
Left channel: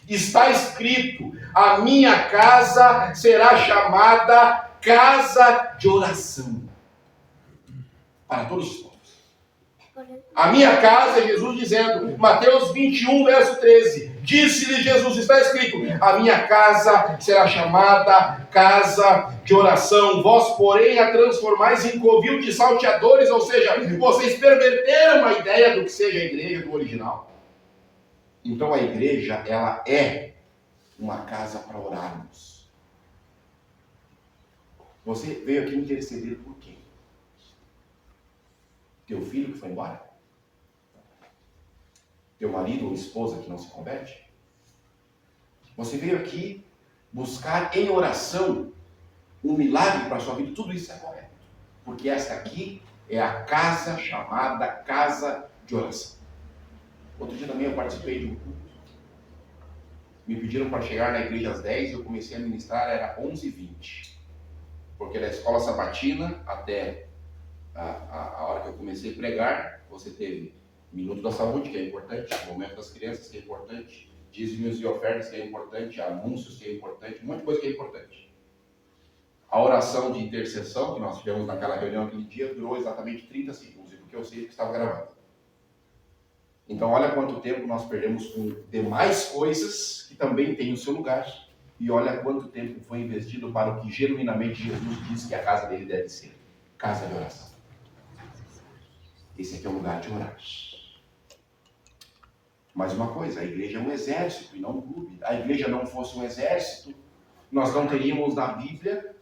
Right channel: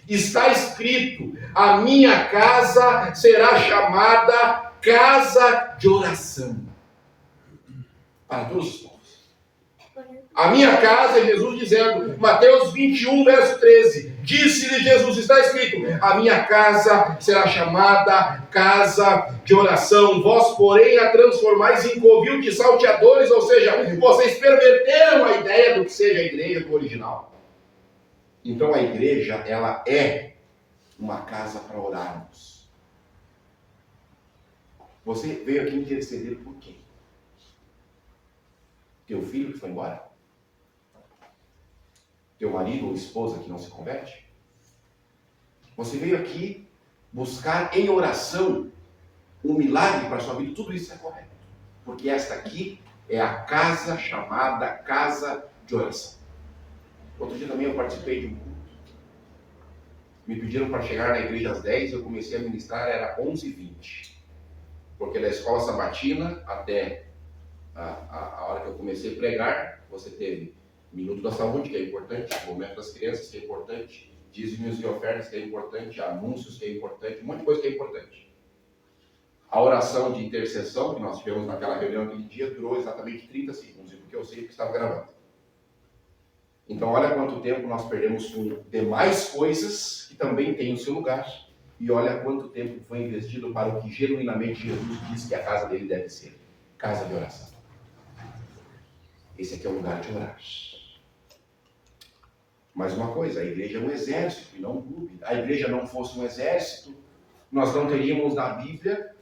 está escrito, a minha casa será chamada casa de oração para todos os povos. A minha casa, é Jesus dizendo, Mateus 21, verso 13, disse-lhe Jesus, está escrito, a minha casa será chamada casa de oração, vós, porém, a transformais em covil de salteadores, ou seja, vocês perverteram a ideia do que seja a igreja do original. Então a igreja, ela é uma casa para orarmos. Você veio aqui interceder por quem? Teu filho que foi embora? Teu marido ou esposa que não se converte? Você veio aqui buscar em oração um milagre para a sua vida. Tudo isso é correto. Porque esta aqui é a casa chamada casa de oração. Outro dia também eu participei de um culto. Me pediram para chegar na igreja às 10, eu comecei a ministrar, era 11h20. Porque da escola sabatina até a hora que eu comecei a pregar, você teve Minuto da Saúde, que é importante, Momento das Crianças, que é importante, dízimos e ofertas, que é importante, anúncios, que é importante, um monte de coisa que é importante. A oração de intercessão que nós tivemos naquela reunião aquele dia durou exatamente 30 segundos, e porque eu sei que estava gravando. Então olha quanto tempo nós perdemos com demais coisas que também têm o seu lugar, e olha quanto tempo foi investido para o que genuinamente Jesus diz que a casa dele deve ser, casa de oração. Esse aqui é o lugar de orar. Mais uma coisa, a igreja é um exército e não um clube. A igreja não fosse um exército, nós não teríamos na Bíblia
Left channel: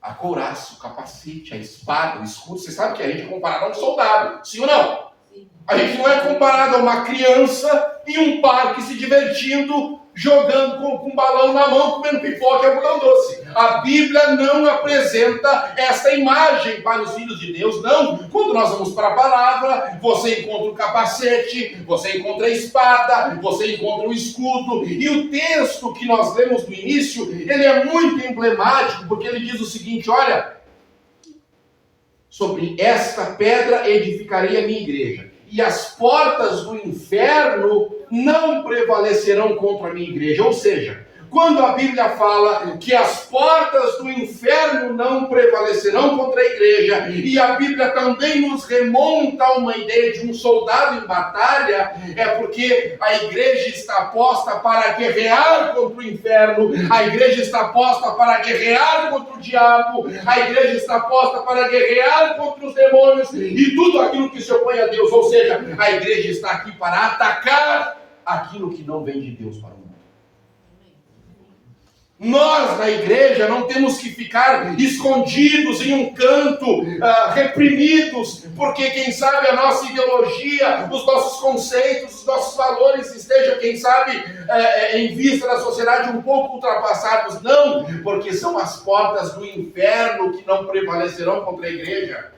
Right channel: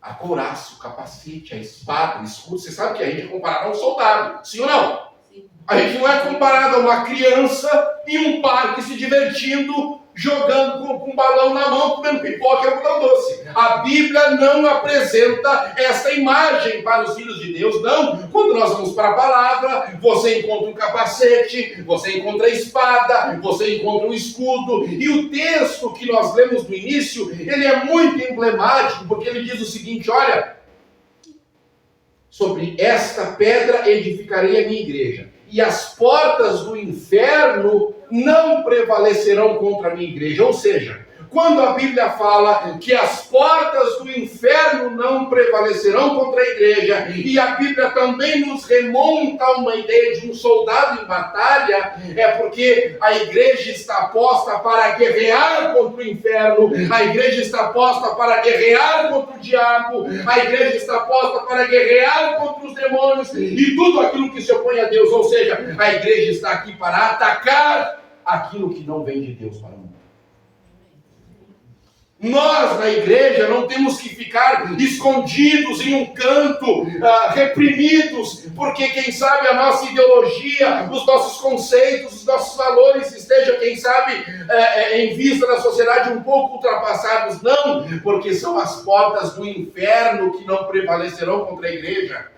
a couraça, o capacete, a espada, o escudo. Você sabe que a gente é comparado a um soldado, sim ou não? Sim. A gente não é comparado a uma criança em um parque se divertindo, jogando com um balão na mão, comendo pipoca e algodão doce. A Bíblia não apresenta essa imagem para os filhos de Deus, não. Quando nós vamos para a palavra, você encontra o capacete, você encontra a espada, você encontra o escudo, e o texto que nós lemos no início, ele é muito emblemático, porque ele diz o seguinte, olha, sobre esta pedra edificarei a minha igreja, e as portas do inferno não prevalecerão contra a minha igreja. Ou seja, quando a Bíblia fala que as portas do inferno não prevalecerão contra a igreja, e a Bíblia também nos remonta a uma ideia de um soldado em batalha, é porque a igreja está posta para guerrear contra o inferno, a igreja está posta para guerrear contra o diabo, a igreja está posta para guerrear contra os demônios e tudo aquilo que se opõe a Deus. Ou seja, a igreja está aqui para atacar aquilo que não vem de Deus para o mundo. Nós, na igreja, não temos que ficar escondidos em um canto, reprimidos, porque quem sabe a nossa ideologia, os nossos conceitos, os nossos valores estejam, quem sabe, em vista da sociedade um pouco ultrapassados. Não, porque são as portas do inferno que não prevalecerão contra a igreja.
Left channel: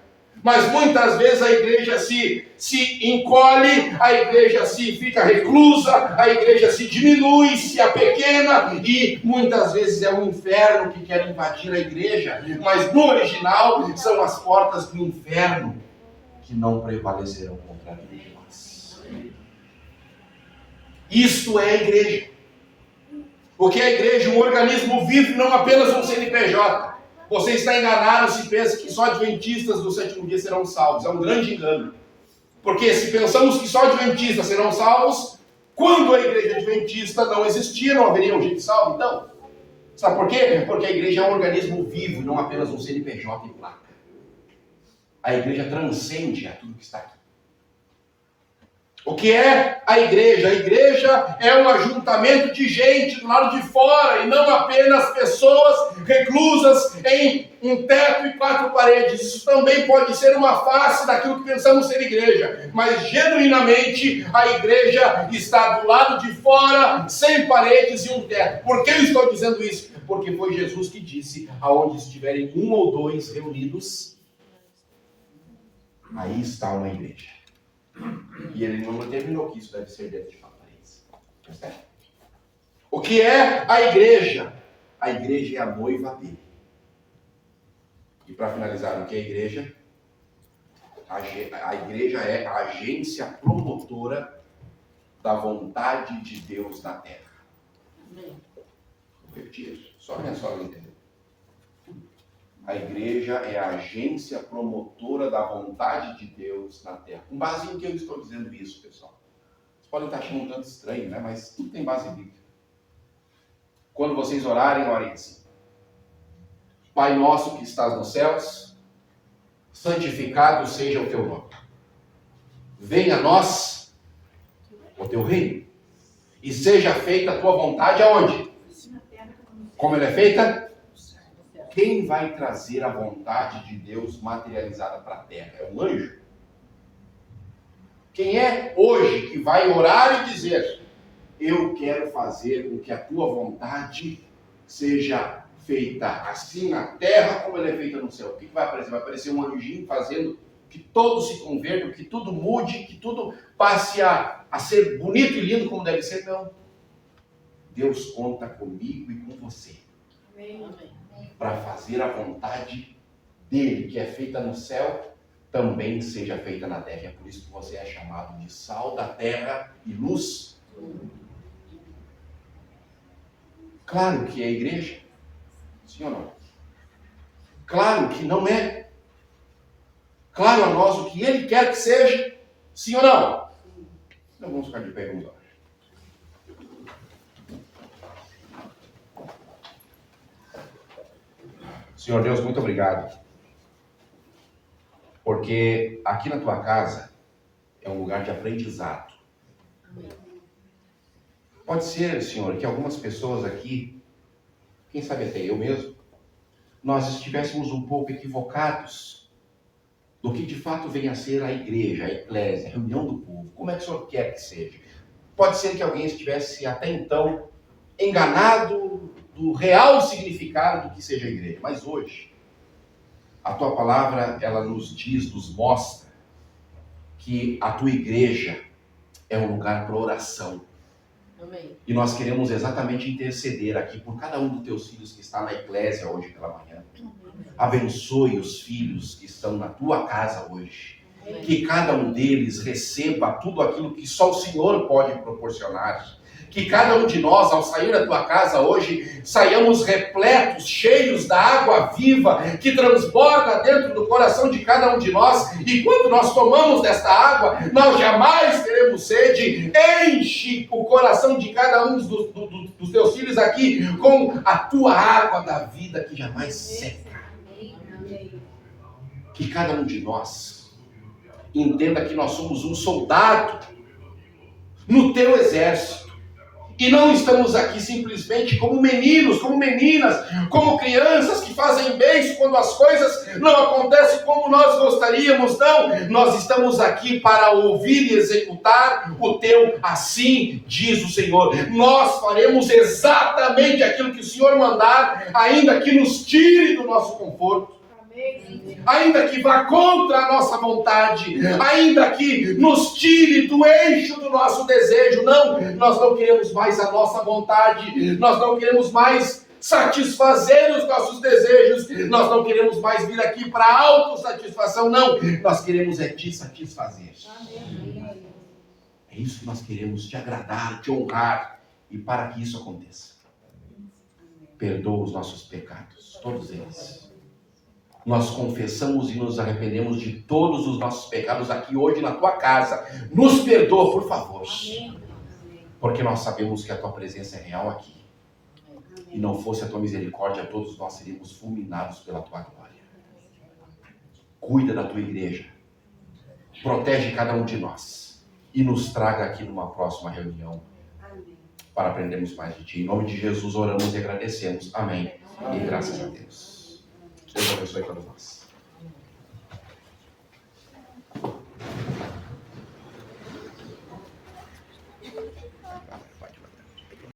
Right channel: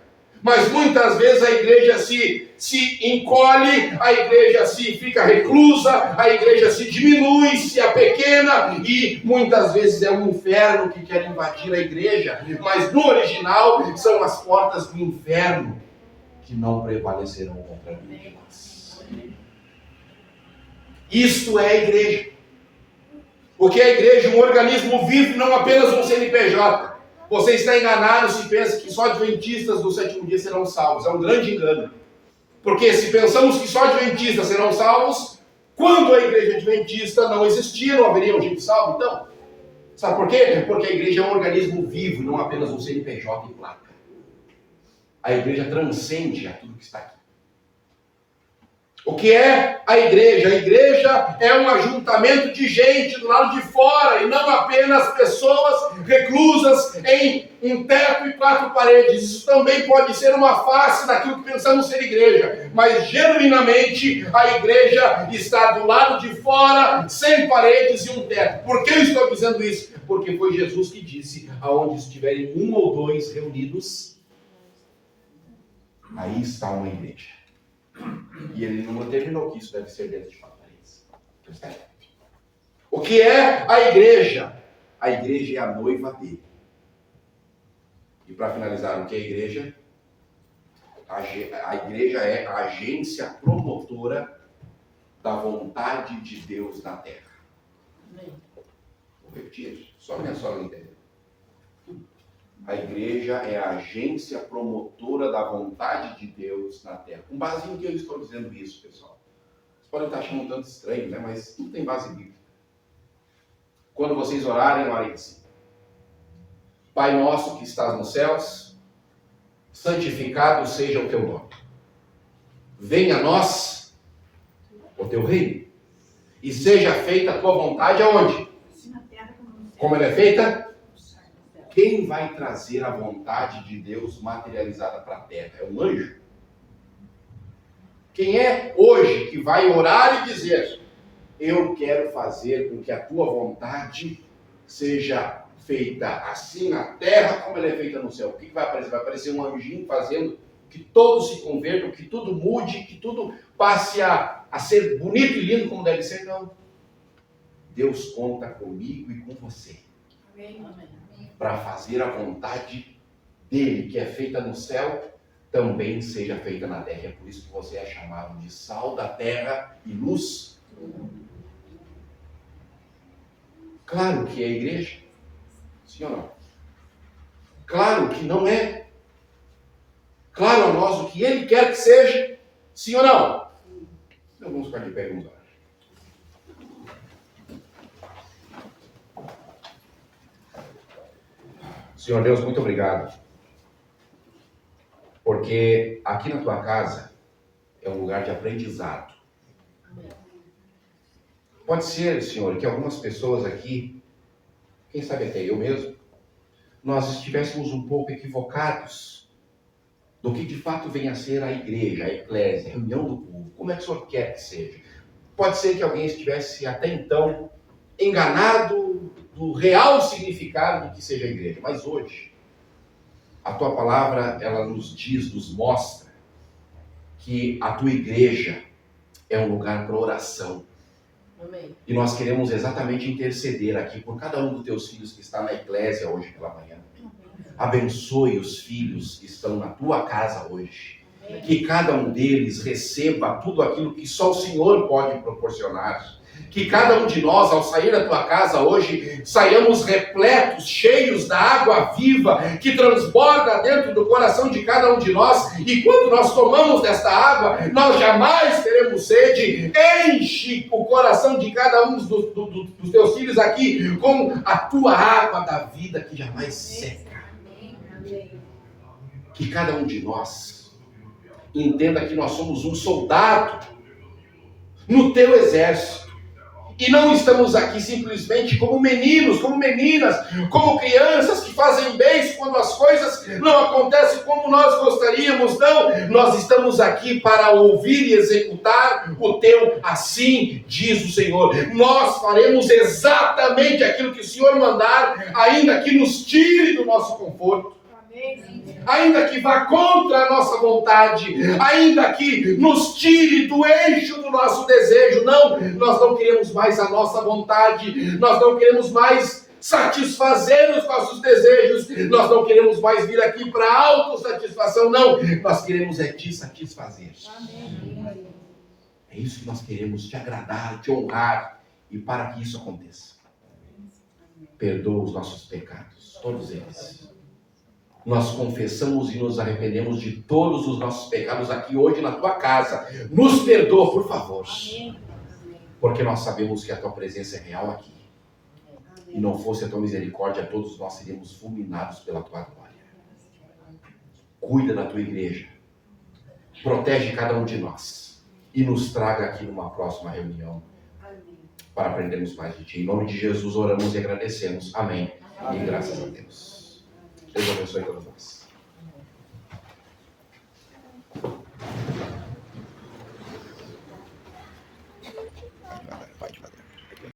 Mas muitas vezes a igreja se encolhe, a igreja se fica reclusa, a igreja se diminui, se apequena, e muitas vezes é o inferno que quer invadir a igreja. Mas no original são as portas do inferno que não prevalecerão contra a vida de nós. Isto é a igreja. Porque a igreja é um organismo vivo, não apenas um CNPJ. Você está enganado se pensa que só adventistas do sétimo dia serão salvos. É um grande engano. Porque se pensamos que só adventistas serão salvos, quando a igreja adventista não existia, não haveria um gente salvo, então. Sabe por quê? Porque a igreja é um organismo vivo, não apenas um CNPJ e placa. A igreja transcende a tudo que está aqui. O que é a igreja? A igreja é um ajuntamento de gente do lado de fora e não apenas pessoas reclusas em um teto e 4 paredes. Isso também pode ser uma face daquilo que pensamos ser igreja, mas genuinamente a igreja está do lado de fora, sem paredes e um teto. Por que eu estou dizendo isso? Porque foi Jesus que disse: aonde estiverem 1 ou 2 reunidos, aí está uma igreja. E ele não determinou que isso deve ser dentro de 4 paredes. Percebe? O que é a igreja? A igreja é a noiva dele. E para finalizar, o que é a igreja? A igreja é a agência promotora da vontade de Deus na terra. Vou repetir, só minha sogra entendeu. A igreja é a agência promotora da vontade de Deus na terra. Com base em que eu estou dizendo isso, pessoal? Vocês podem estar achando um tanto estranho, né? Mas tudo tem base bíblica. Quando vocês orarem, orem assim: Pai nosso que estás nos céus, santificado seja o teu nome. Venha a nós o teu reino. E seja feita a tua vontade aonde? Como ela é feita? Quem vai trazer a vontade de Deus materializada para a terra? É um anjo? Quem é hoje que vai orar e dizer: eu quero fazer com que a tua vontade seja feita assim na terra como ela é feita no céu? O que vai aparecer? Vai aparecer um anjinho fazendo que todos se convertam, que tudo mude, que tudo passe a ser bonito e lindo como deve ser? Não. Deus conta comigo e com você. Amém. Para fazer a vontade dele, que é feita no céu, também seja feita na terra. É por isso que você é chamado de sal da terra e luz. Claro que é a igreja. Sim ou não? Claro que não é. Claro a nós o que ele quer que seja. Sim ou não? Então vamos ficar de pé e vamos orar. Senhor Deus, muito obrigado. Porque aqui na tua casa é um lugar de aprendizado. Pode ser, Senhor, que algumas pessoas aqui, quem sabe até eu mesmo, nós estivéssemos um pouco equivocados do que de fato vem a ser a igreja, a eclésia, a reunião do povo. Como é que o Senhor quer que seja? Pode ser que alguém estivesse até então enganado do real significado do que seja a igreja. Mas hoje, a tua palavra, ela nos diz, nos mostra que a tua igreja é um lugar para oração. Amém. E nós queremos exatamente interceder aqui por cada um dos teus filhos que está na eclésia hoje pela manhã. Abençoe os filhos que estão na tua casa hoje. Amém. Que cada um deles receba tudo aquilo que só o Senhor pode proporcionar. Que cada um de nós, ao sair da tua casa hoje, saiamos repletos, cheios da água viva, que transborda dentro do coração de cada um de nós. E quando nós tomamos desta água, nós jamais teremos sede. Enche o coração de cada um dos teus filhos aqui com a tua água da vida que jamais seca. Que cada um de nós entenda que nós somos um soldado no teu exército. E não estamos aqui simplesmente como meninos, como meninas, como crianças que fazem bem quando as coisas não acontecem como nós gostaríamos. Não, nós estamos aqui para ouvir e executar o teu assim diz o Senhor. Nós faremos exatamente aquilo que o Senhor mandar, ainda que nos tire do nosso conforto. Ainda que vá contra a nossa vontade, ainda que nos tire do eixo do nosso desejo. Não, nós não queremos mais a nossa vontade, nós não queremos mais satisfazer os nossos desejos, nós não queremos mais vir aqui para autossatisfação, não, nós queremos é te satisfazer. É isso que nós queremos, te agradar, te honrar, e para que isso aconteça, perdoa os nossos pecados, todos eles. Nós confessamos e nos arrependemos de todos os nossos pecados aqui hoje na tua casa. Nos perdoa, por favor. Porque nós sabemos que a tua presença é real aqui. E não fosse a tua misericórdia, todos nós seríamos fulminados pela tua glória. Cuida da tua igreja. Protege cada um de nós. e nos traga aqui numa próxima reunião para aprendermos mais de Ti. Em nome de Jesus oramos e agradecemos. Amém. E graças a Deus. Deus abençoe todos nós.